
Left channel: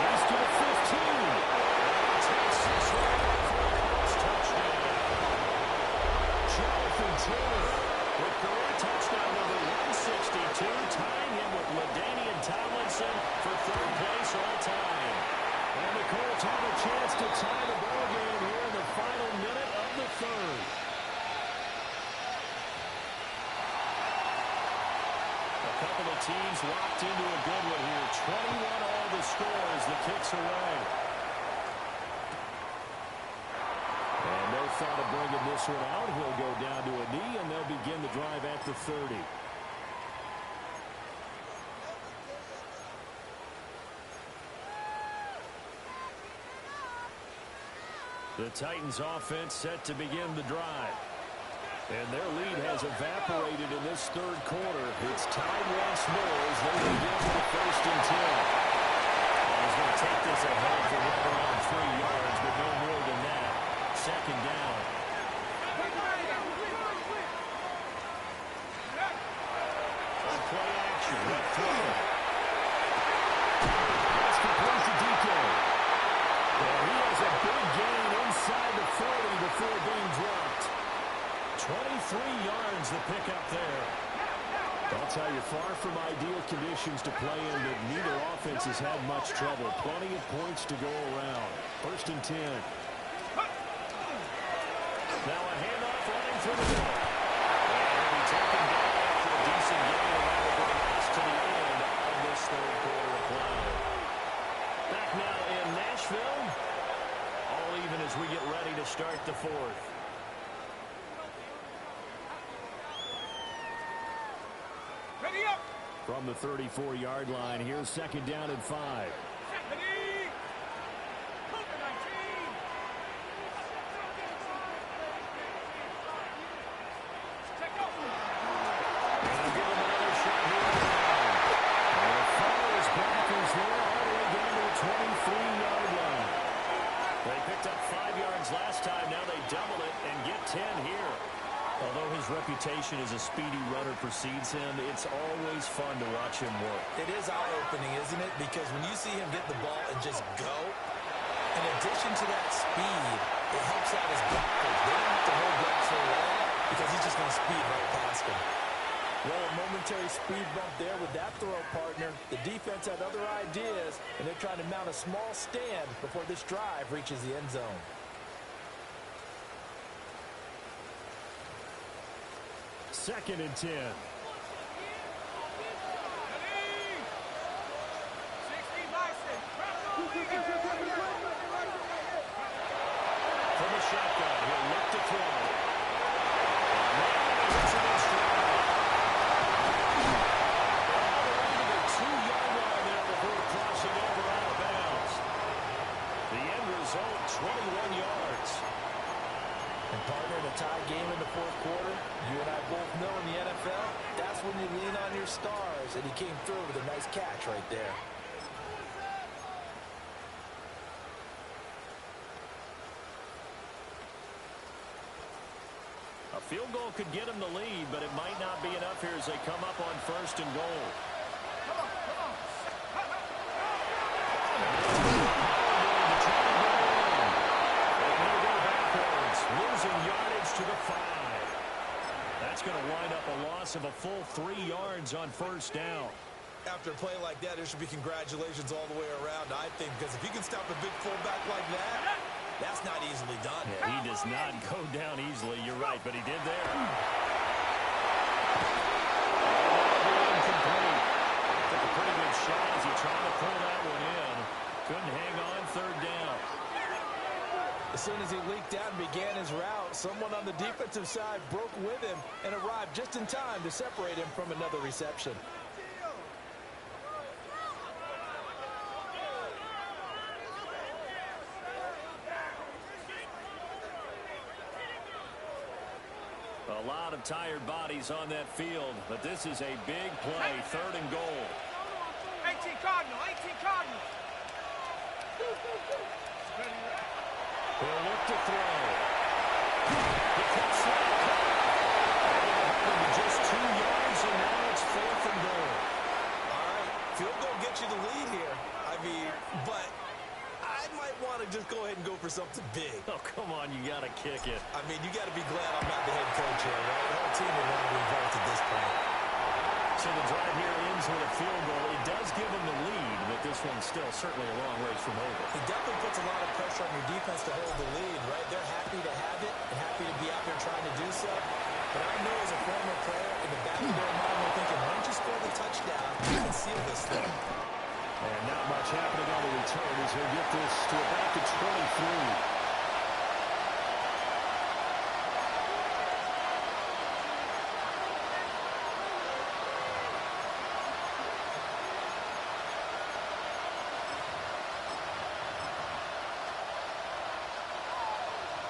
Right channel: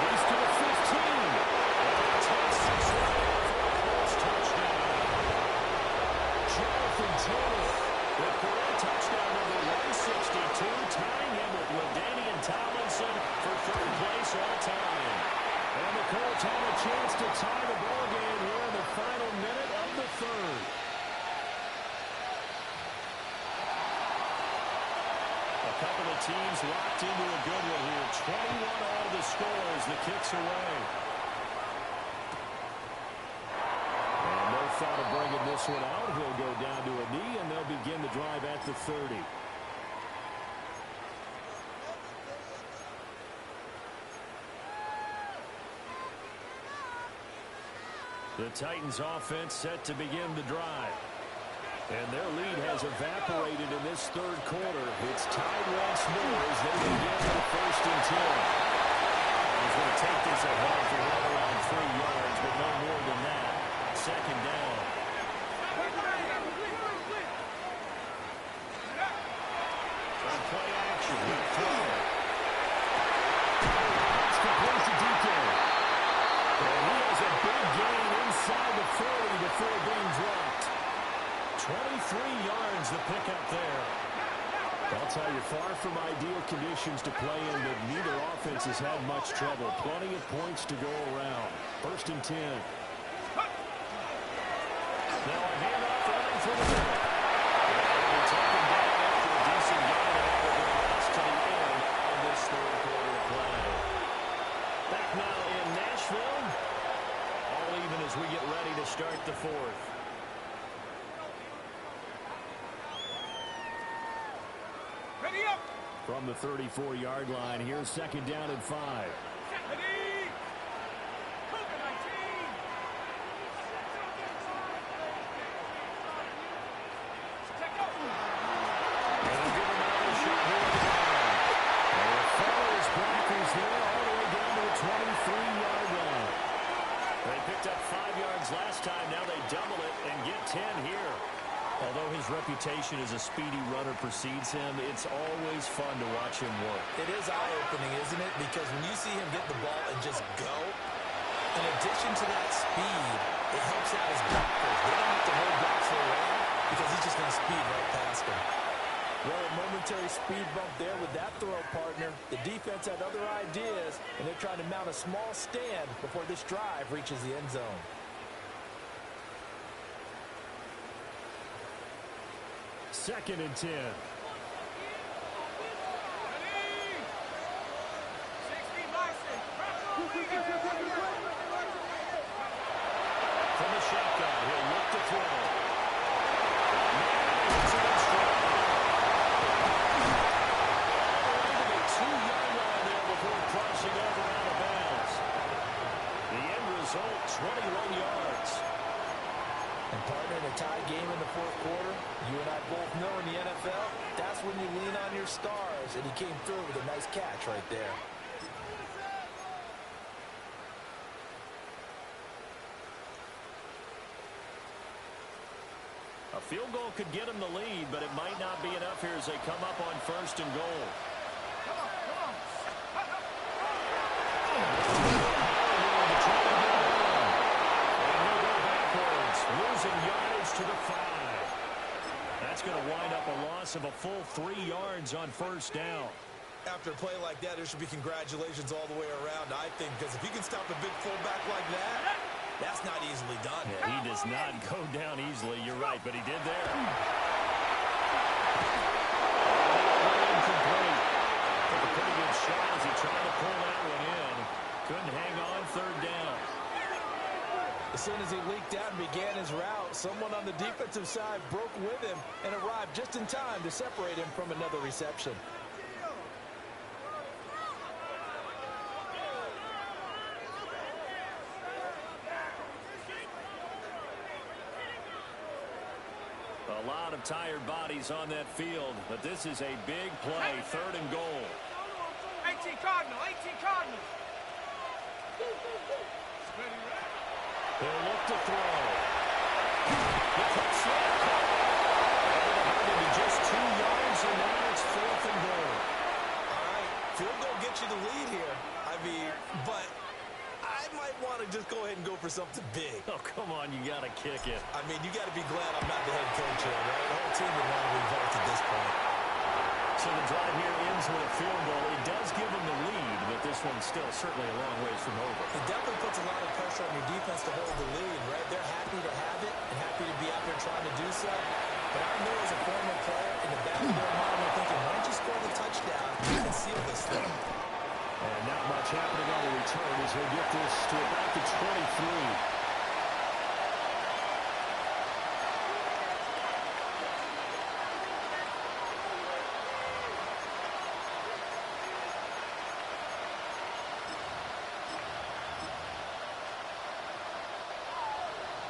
He's to the 15. And he takes 6 right in for a Colts touchdown. Jonathan Taylor with career touchdown number 162, tying him with LaDainian Tomlinson for 3rd place all time. And the Colts have a chance to tie the ball game here in the final minute of the 3rd. A couple of teams locked into a good one here. 21 all the score as the kick's away. And no thought of bringing this one out. He'll go down to a knee, and they'll begin the drive at the 30. The Titans offense set to begin the drive. And their lead has evaporated in this 3rd quarter. It's tied once more as they begin with 1st and 10. And he's going to take this ahead for right around 3 yards, but no more than that. 2nd down. On play action, left throw. That's complete to DK. And he has a big gain inside the 40 before being dropped. 23 yards the pickup there. I'll tell you, far from ideal conditions to play in, but neither offense has had much trouble. Plenty of points to go around. 1st and 10. Now a handoff running through the middle. And he'll be taken down after a decent gain, and that will bring us to the end of this 3rd quarter of play. Back now in Nashville. All even as we get ready to start the 4th. From the 34-yard line, here's 2nd down and 5. And they'll give him another shot here on the ground. And the follow his blockers there all the way down to the 23-yard line. They picked up 5 yards last time. Now they double it and get 10 here. Although his reputation as a speedy runner precedes him, it's always fun to watch him work. It is eye-opening, isn't it? Because when you see him get the ball and just go, in addition to that speed, it helps out his blockers. They don't have to hold blocks for long because he's just going to speed right past them. Well, a momentary speed bump there with that throw, partner. The defense had other ideas, and they're trying to mount a small stand before this drive reaches the end zone. Second and 10. From the shotgun, he'll look to throw. Man, he hits him in stride. All the way to the 2-yard line there before crossing over out of bounds. The end result, 21 yards. And partner, in a tie game in the fourth quarter, you and I both know in the NFL, that's when you lean on your stars, and he came through with a nice catch right there. A field goal could get him the lead, but it might not be enough here as they come up on 1st and goal. Come on, come on. Losing yardage to the 5. That's going to wind up a loss of a full 3 yards on 1st down. After a play like that, there should be congratulations all the way around, I think, because if you can stop a big fullback like that, that's not easily done. Yeah, he does not go down easily, you're right, but he did there. And that'll be incomplete. Took a pretty good shot as he tried to pull that one in. Couldn't hang on 3rd down. As soon as he leaked out and began his route, someone on the defensive side broke with him and arrived just in time to separate him from another reception. A lot of tired bodies on that field, but this is a big play, 3rd and goal. 18 Cardinal, 18 Cardinal. He'll look to throw. The quick slant caught. Able to hold him to just 2 yards, and now it's 4th and goal. All right, field goal gets you the lead here. I mean, but I might want to just go ahead and go for something big. Oh, come on, you got to kick it. I mean, you got to be glad I'm not the head coach here, right? The whole team would want to revolt at this point. So the drive here ends with a field goal. It does give them the lead, but this one's still certainly a long ways from over. It definitely puts a lot of pressure on your defense to hold the lead, right? They're happy to have it and happy to be out there trying to do so. But I know as a former player, in the back of their mind, they're thinking, why don't you score the touchdown and seal this thing? And not much happening on the return as he'll get this to about the 23.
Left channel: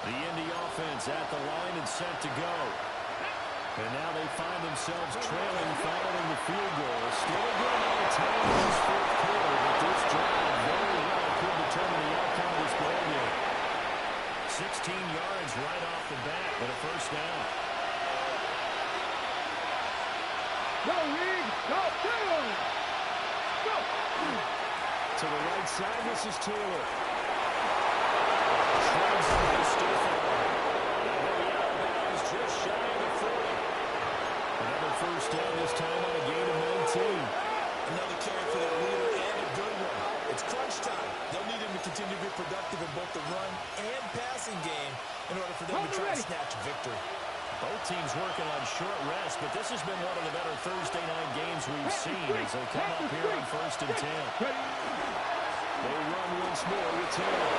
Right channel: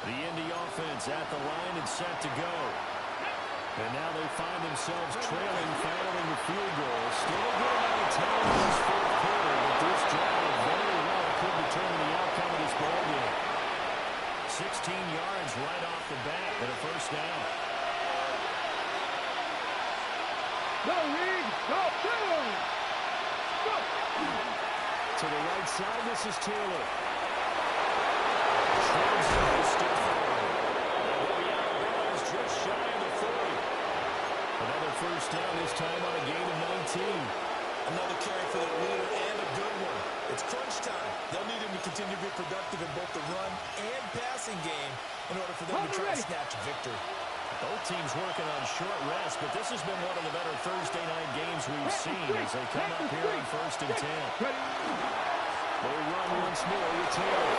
The Indy offense at the line and set to go. And now they find themselves trailing following the field goal. Still a good amount of time in this fourth quarter, but this drive very well could determine the outcome of this ball game. 16 yards right off the bat with a 1st down. Go, Reed. Go, go. Go. To the right side, this is Taylor. Shreds through the stiff arm. And he'll be out of bounds just shy of the 40. Another 1st down, this time on a gain of 19. Another carry for their leader and a good one. It's crunch time. They'll need him to continue to be productive in both the run and passing game in order for them to try to snatch victory. Both teams working on short rest, but this has been one of the better Thursday night games we've seen as they come up here on 1st and 10. They run once more with Taylor.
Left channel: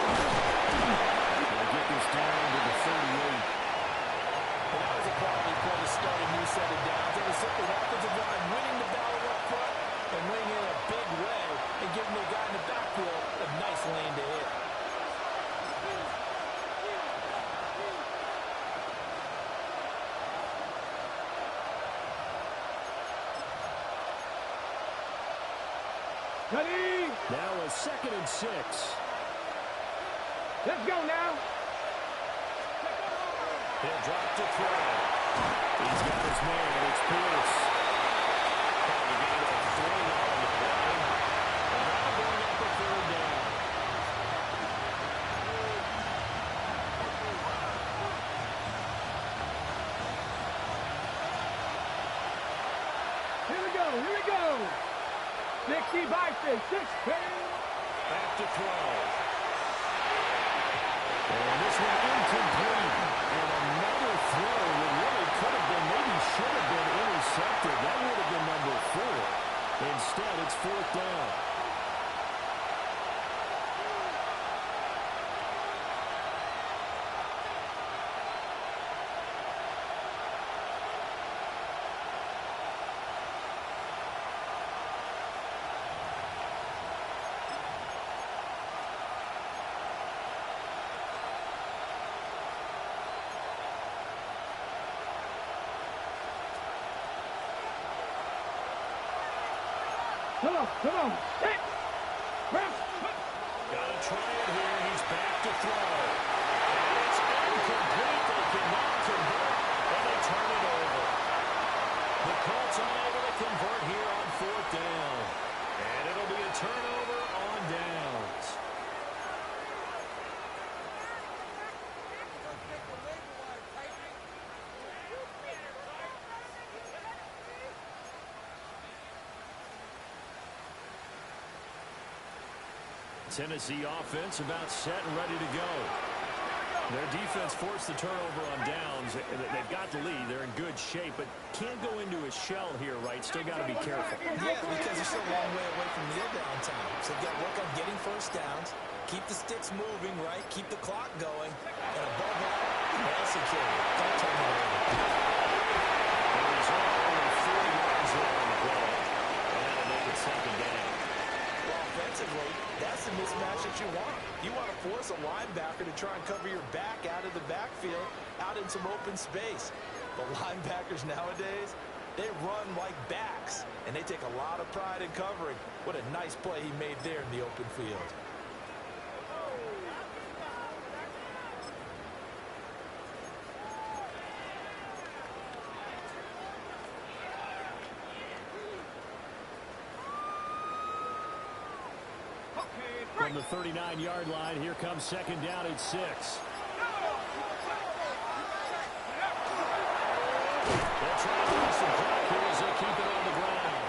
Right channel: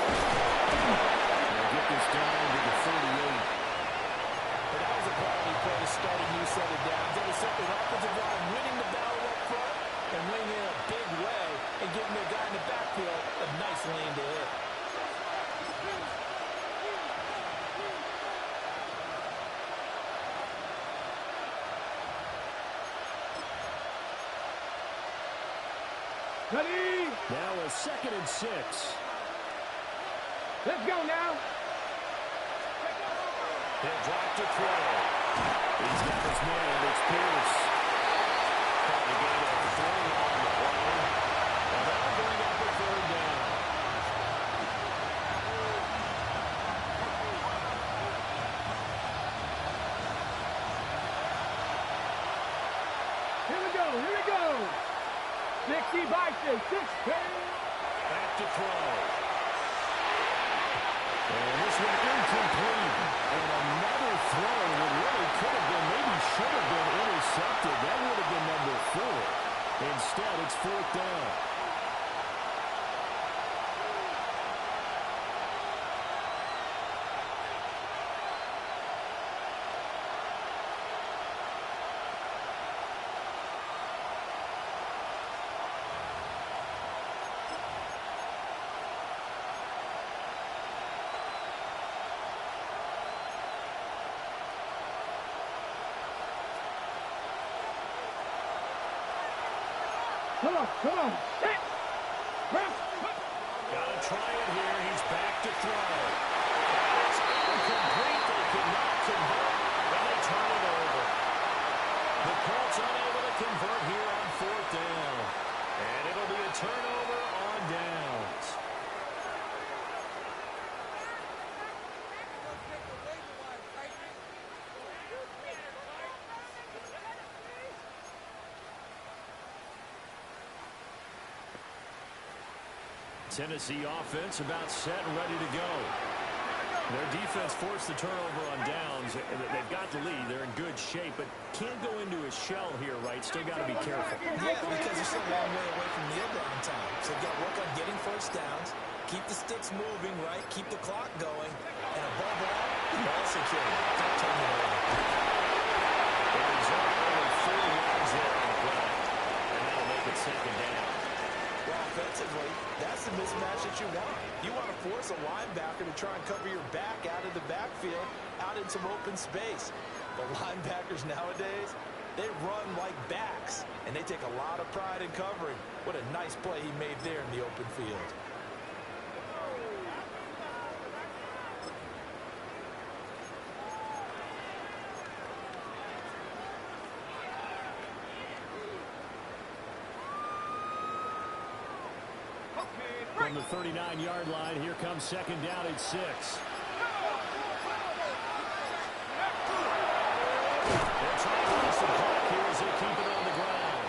They'll get this down to the 38. And that was a quality play to start a new set of downs. It was simply an offensive line winning the battle up front and winning in a big way and giving the guy in the backfield a nice lane to hit. Ready? Now a 2nd and 6. Let's go now. He'll drop to throw. He's got his man. It's Pierce. Caught the gain of 3 on the play. And that'll bring up a 3rd down. Here we go. Here we go. 60 by 6. 6. Back to throw. And this one incomplete. And another throw that really could have been, maybe should have been intercepted. That would have been number 4. Instead, it's 4th down. Come on, come on. Set. Press. Gotta try it here. He's back to throw. And it's incomplete. They cannot convert, and they turn it over. The Colts unable to convert here on 4th down. And it'll be a turnover on downs. Tennessee offense about set and ready to go. Their defense forced the turnover on downs. They've got the lead. They're in good shape, but can't go into a shell here, right? Still got to be careful. Yeah, because they're still a long way away from kneel down time. So they've got to work on getting first downs, keep the sticks moving, right? Keep the clock going, and above all, ball security. Don't turn it over. The result, only 4 yards there on the play, and that'll make it 2nd down. Well, offensively, that's the mismatch that you want. You want to force a linebacker to try and cover your back out of the backfield, out in some open space. But linebackers nowadays, they run like backs, and they take a lot of pride in covering. What a nice play he made there in the open field. From the 39-yard line, here comes 2nd down at 6. They're trying to use some clock here as they keep it on the ground.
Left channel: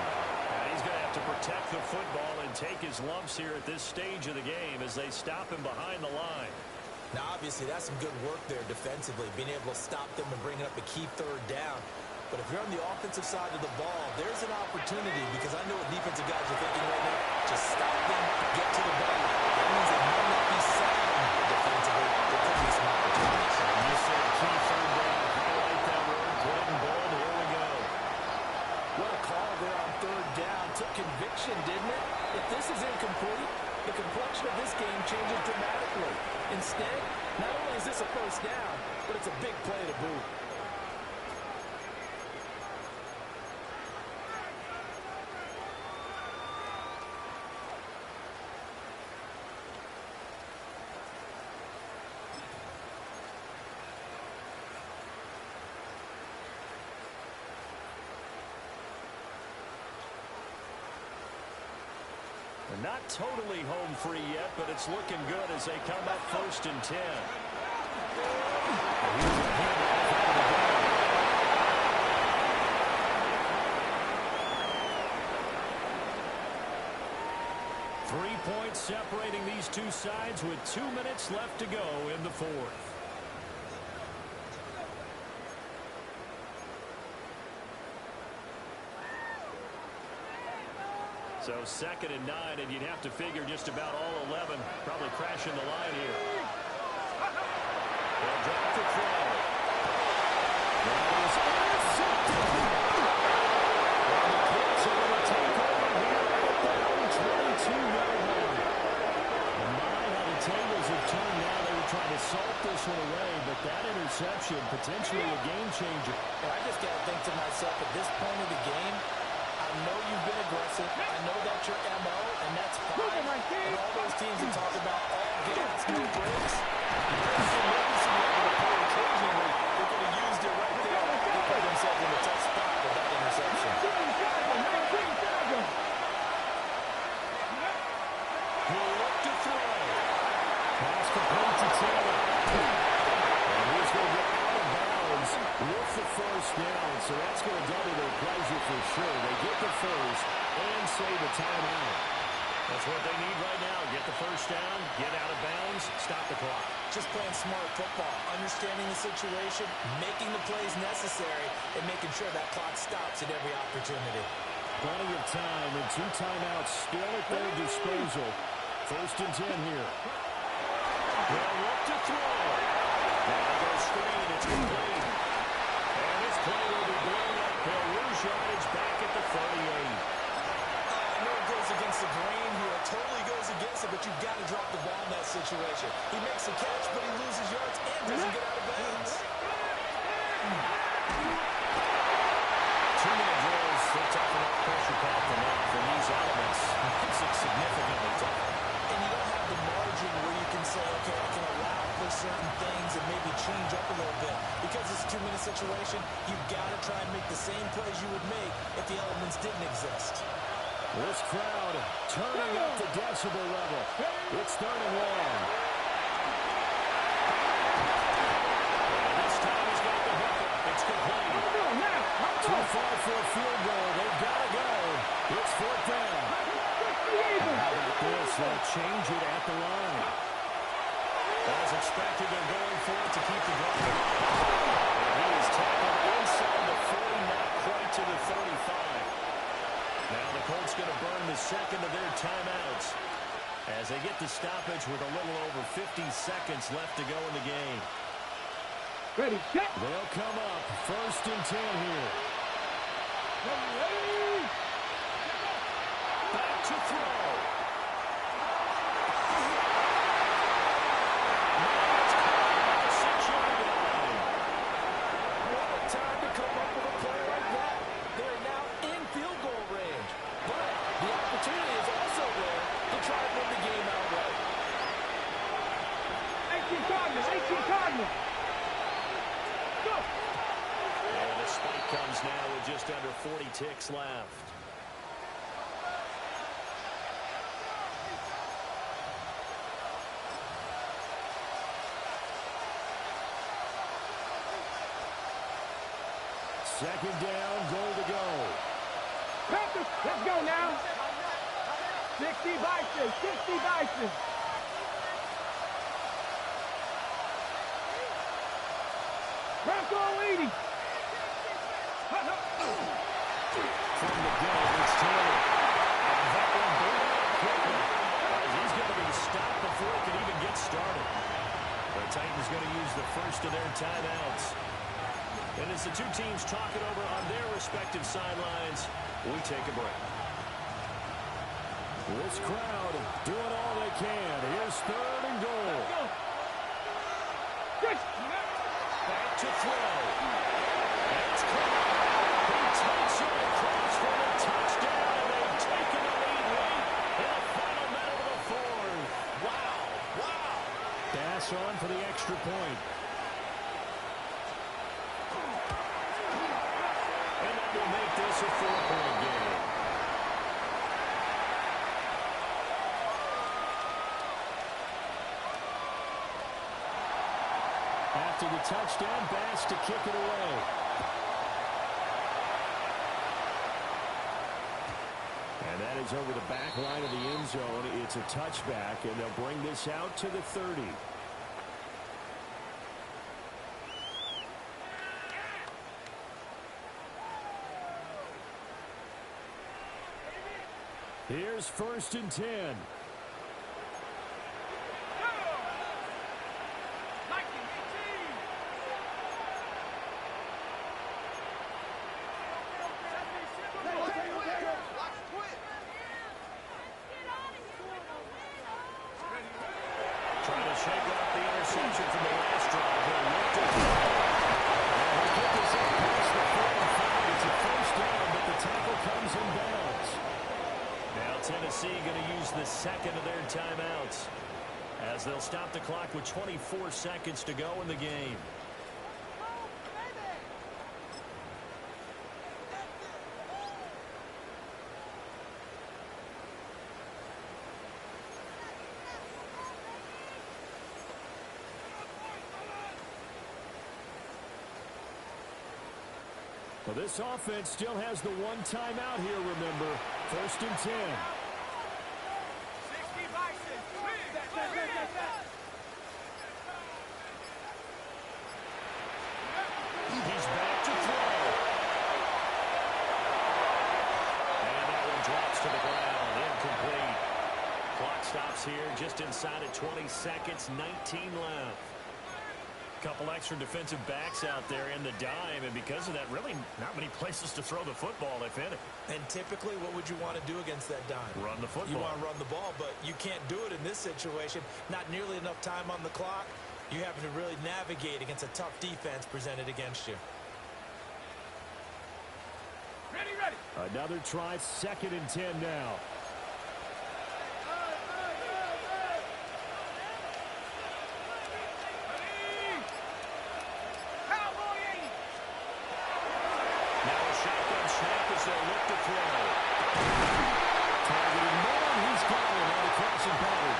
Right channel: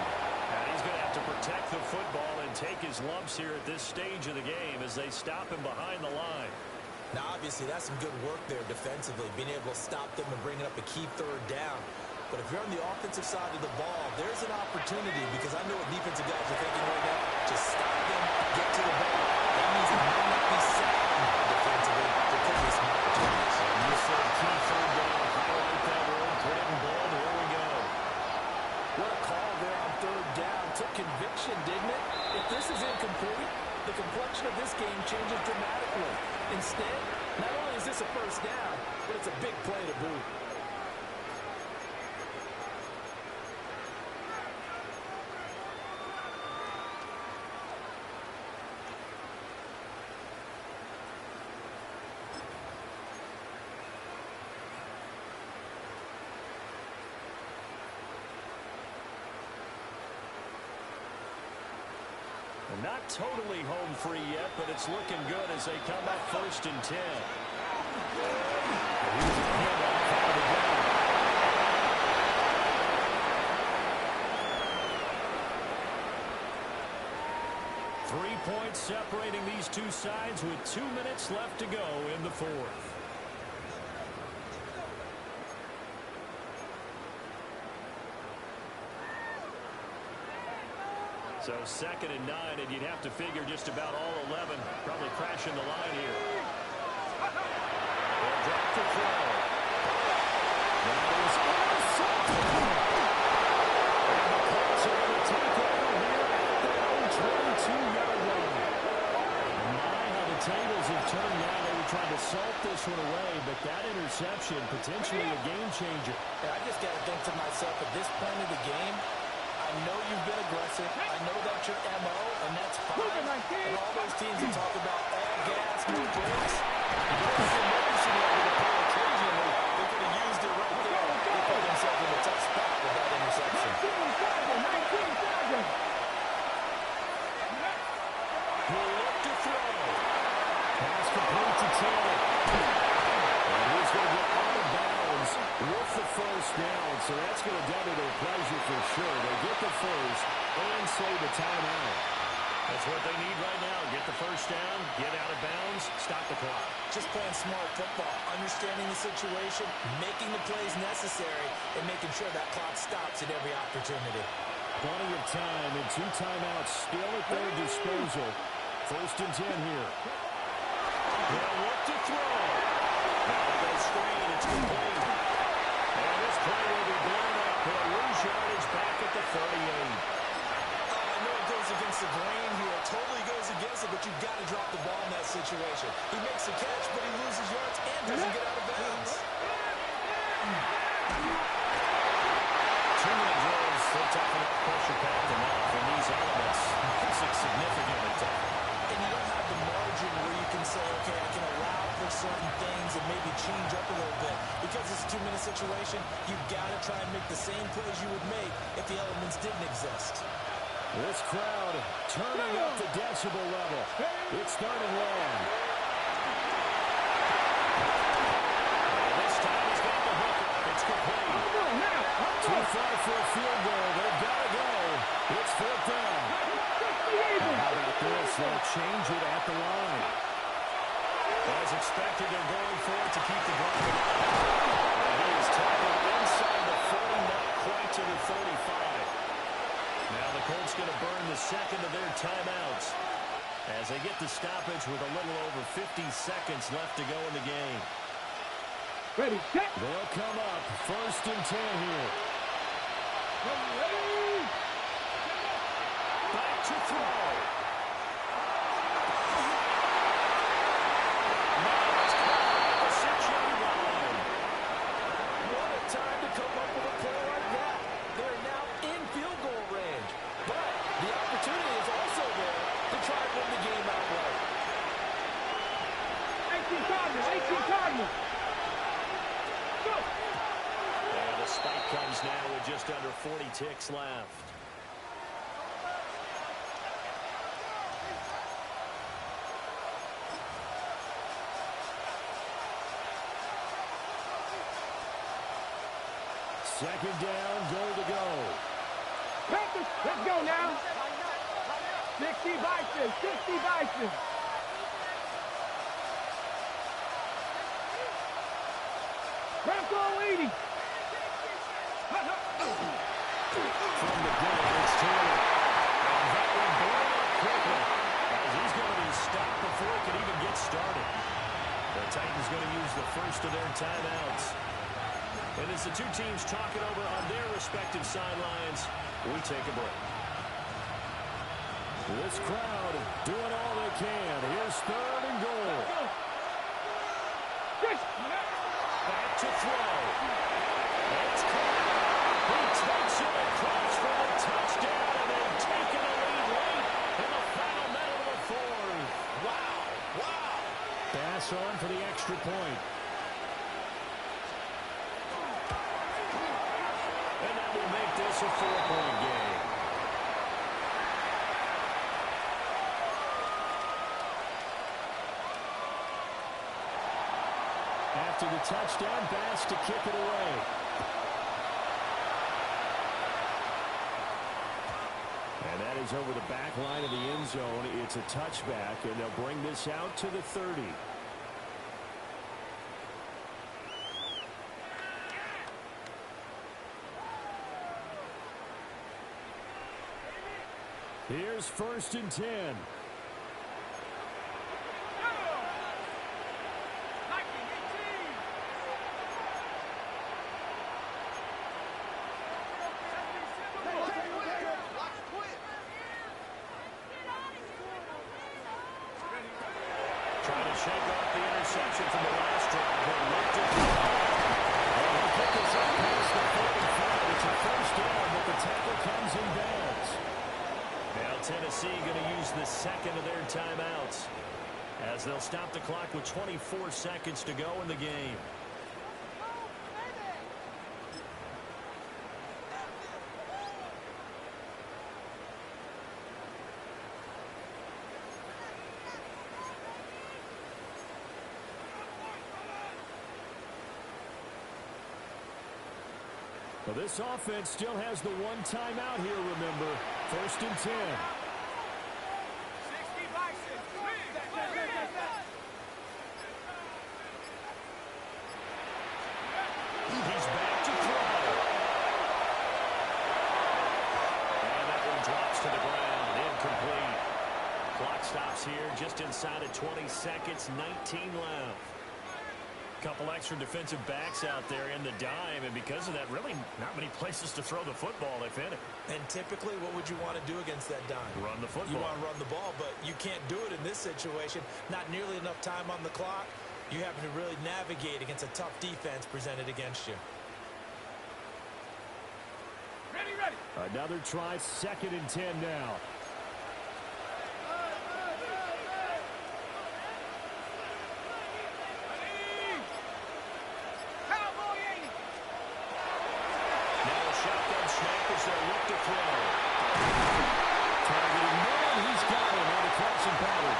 And he's going to have to protect the football and take his lumps here at this stage of the game as they stop him behind the line. Now, obviously, that's some good work there defensively, being able to stop them and bring up a key 3rd down. But if you're on the offensive side of the ball, there's an opportunity, because I know what defensive guys are thinking right now. Just stop them, get to the ball. That means it might not be sound defensively. There could be some opportunities. You said key 3rd down. Highlight that word. Put it in bold. Here we go. What a call there on 3rd down. Took conviction, didn't it? If this is incomplete, the complexion of this game changes dramatically. Instead, not only is this a 1st down, but it's a big play to boot. Not totally home free yet, but it's looking good as they come up 1st and 10. And here's a handoff out of the gun. 3 points separating these two sides with 2 minutes left to go in the 4th. So 2nd and 9, and you'd have to figure just about all 11 probably crashing the line here. They'll drop the throw. That is intercepted. And the Colts are going to take over here at their own 22-yard line. My, how the tables have turned now. They were trying to salt this one away, but that interception, potentially a game changer. And I just got to think to myself, at this point of the game, I know you've been aggressive. I know that's your MO, and that's fine. And all those teams that talk about all gas, no brakes, you better see emergency level to pull occasionally. They could have used it right there. They put themselves in a tough spot with that interception. He'll look to throw. Pass complete to Taylor. And he's going to get out of bounds with the 1st down. So that's going to double their pleasure for sure. They get the 1st and save a timeout. That's what they need right now. Get the 1st down, get out of bounds, stop the clock. Just playing smart football, understanding the situation, making the plays necessary, and making sure that clock stops at every opportunity. Plenty of time and 2 timeouts still at their disposal. 1st and 10 here. They'll look to throw. Now they go screen. It's complete. And this play will be blown up. He'll lose yardage back at the 38. I know it goes against the grain here. It totally goes against it, but you've got to drop the ball in that situation. He makes the catch, but he loses yards and doesn't get out of bounds. 2-minute drills Still tough enough, pressure-packed enough, and these elements makes it significantly tougher. And you don't have the margin where you can say, okay, I can allow for certain things and maybe change up a little bit. Because it's a two-minute situation, you've got to try and make the same plays you would make if the elements didn't exist. This crowd turning up the decibel level. It's third and long. And this time he's got the hook up. It's complete. Too far for a field goal. They've got to go. It's fourth down. And how about this? They'll change it at the line. As expected, they're going for it to keep the drive alive. And he is tackled inside the 40, not quite to the 35. Now the Colts going to burn the second of their timeouts as they get the stoppage with a little over 50 seconds left to go in the game. Ready, set. They'll come up first and 10 here. Ready. Back to throw. Now it's caught at the 6-yard line. What a time to come up with a play like that. They're now in field goal range. But the opportunity is also there to try and win the game outright. 18 Cardinals, 18 Cardinals. Go. And the spike comes now with just under 40 ticks left. Second down, goal to go. Panthers, let's go now. 60 Bison, 60 Bison. Bronco leading. From the gun, it's Taylor. And that one blown up quickly as he's going to be stopped before he can even get started. The Titans going to use the first of their timeouts. And as the two teams talk it over on their respective sidelines, we take a break. This crowd doing all they can. Here's third and goal. Back to throw. It's caught. He takes it across for the touchdown, and they've taken the lead late in the final minute of the fourth. Wow. Wow. Pass on for the extra point. And that will make this a 4-point game. After the touchdown, Bass to kick it away. And that is over the back line of the end zone. It's a touchback, and they'll bring this out to the 30. Here's first and 10. Trying to shake off the interception from the last drive. He'll look to throw. And he'll get this up past the 45. It's a first down, but the tackle comes in bounds. Now Tennessee going to use the second of their timeouts as they'll stop the clock with 24 seconds to go in the game. Well, this offense still has the one timeout here, remember. First and 10. 60 Bison. He's back to throw. And that one drops to the ground. Incomplete. Clock stops here just inside of 20 seconds. 19 left. Couple extra defensive backs out there in the dime, and because of that, really not many places to throw the football, if any. And typically, what would you want to do against that dime? Run the football. You want to run the ball, but you can't do it in this situation. Not nearly enough time on the clock. You have to really navigate against a tough defense presented against you. Ready, Another try, 2nd and 10 now. Now a shotgun snap as they'll look to throw. Targeting Miller, he's got him on the crossing pattern.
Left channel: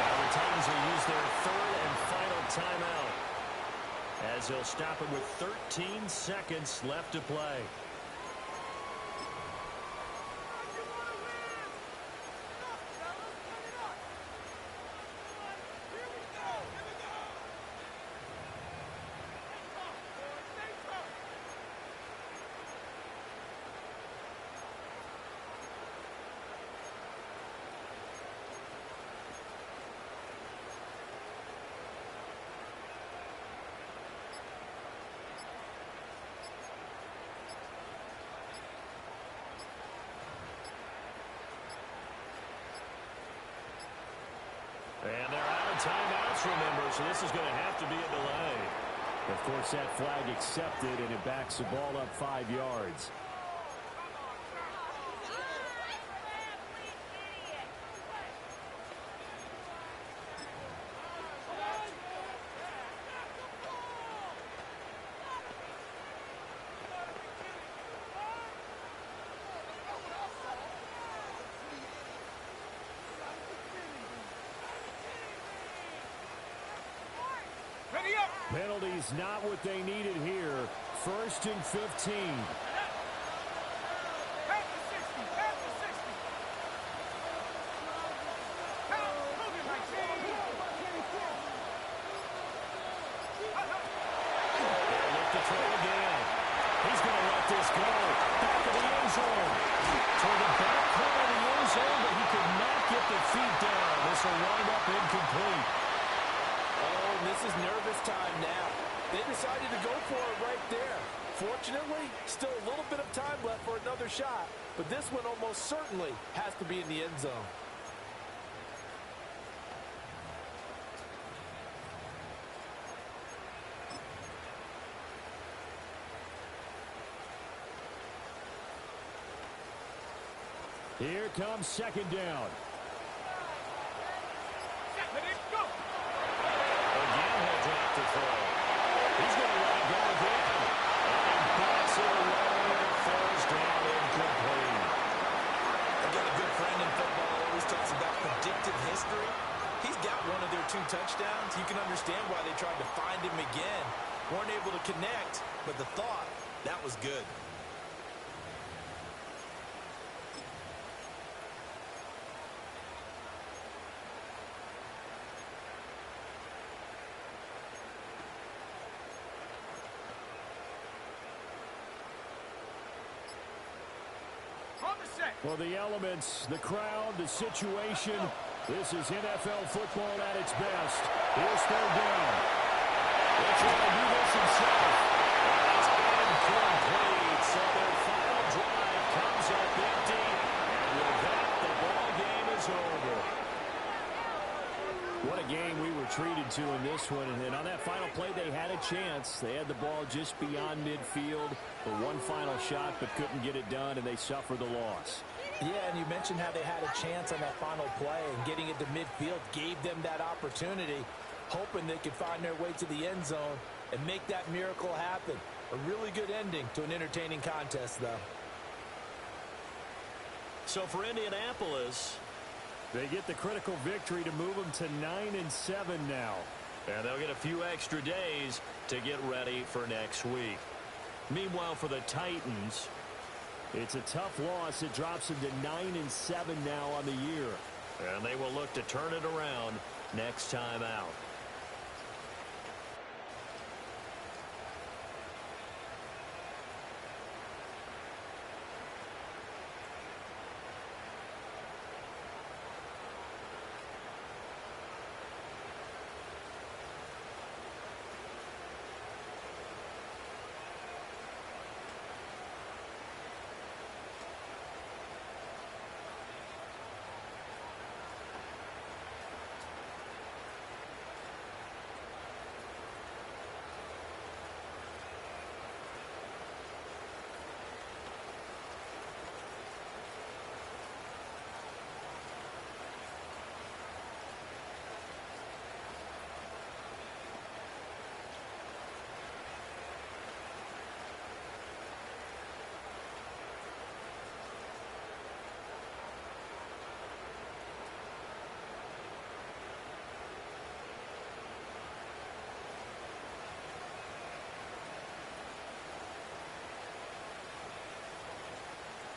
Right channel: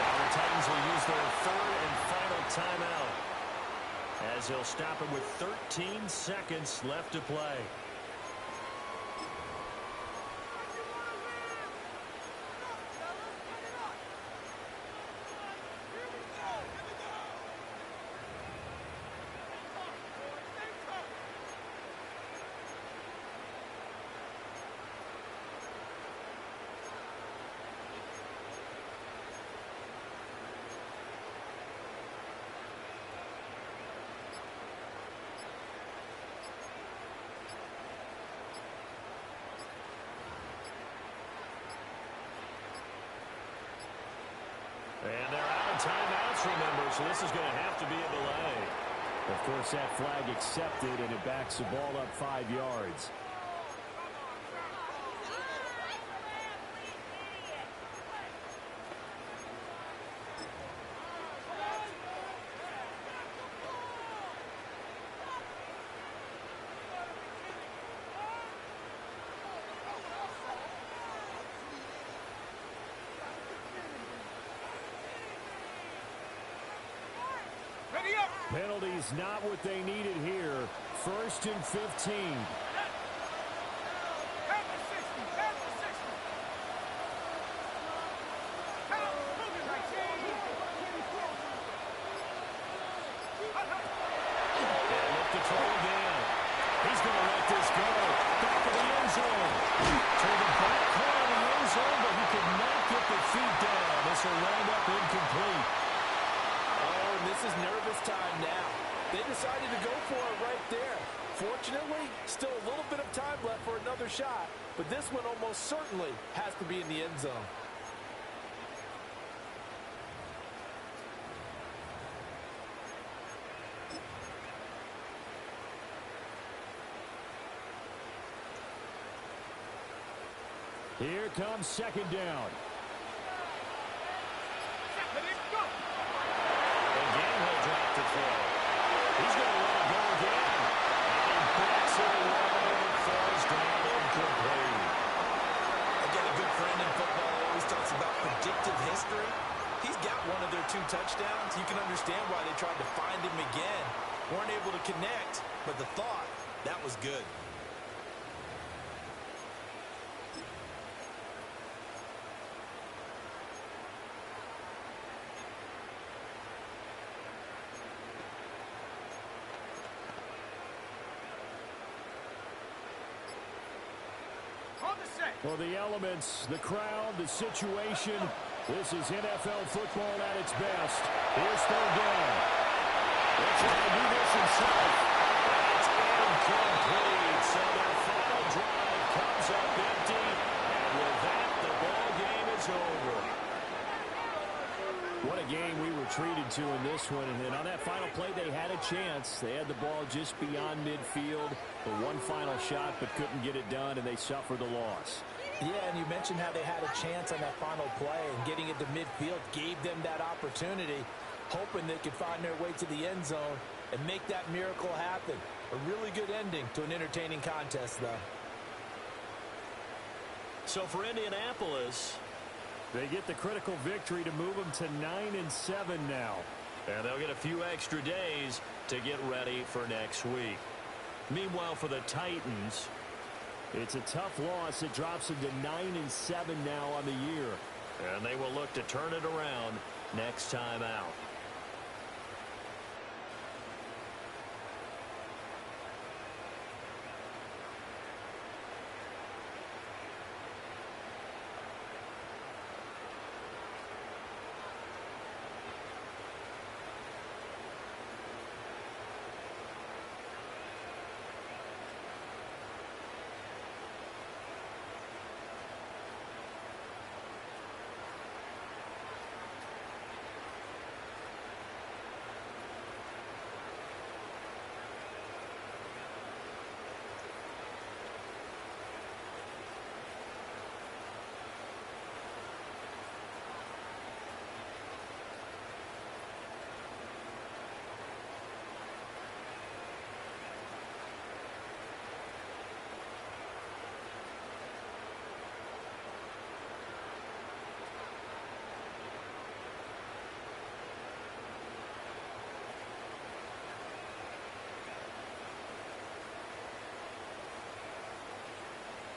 Now the Titans will use their 3rd and final timeout, as they'll stop it with 13 seconds left to play. And they're out of timeouts, remember, so this is going to have to be a delay. Of course, that flag accepted, and it backs the ball up 5 yards. Penalties not what they needed here. 1st and 15. They look to throw again. He's going to let this go. Back of the end zone. Toward the back corner of the end zone, but he could not get the feet down. This will wind up incomplete. Oh, and this is nervous time now. They decided to go for it right there. Fortunately, still a little bit of time left for another shot, but this one almost certainly has to be in the end zone. Here comes 2nd down. Again, he'll drop the throw. He's going to let it go again. And he backs it away and it falls down incomplete. Again, a good friend in football always talks about predictive history. He's got one of their 2 touchdowns. You can understand why they tried to find him again. Weren't able to connect, but the thought, that was good. Well, the elements, the crowd, the situation, this is NFL football at its best. Here's 3rd down. They'll try to do this himself. And it's incomplete. So their final drive comes up empty. And with that, the ball game is over. What a game we were treated to in this one. And on that final play, they had a chance. They had the ball just beyond midfield for one final shot, but couldn't get it done, and they suffered the loss. Yeah, and you mentioned how they had a chance on that final play, and getting it to midfield gave them that opportunity, hoping they could find their way to the end zone and make that miracle happen. A really good ending to an entertaining contest, though. So for Indianapolis, they get the critical victory to move them to 9-7 now. And they'll get a few extra days to get ready for next week. Meanwhile, for the Titans, it's a tough loss. It drops them to 9-7 now on the year. And they will look to turn it around next time out.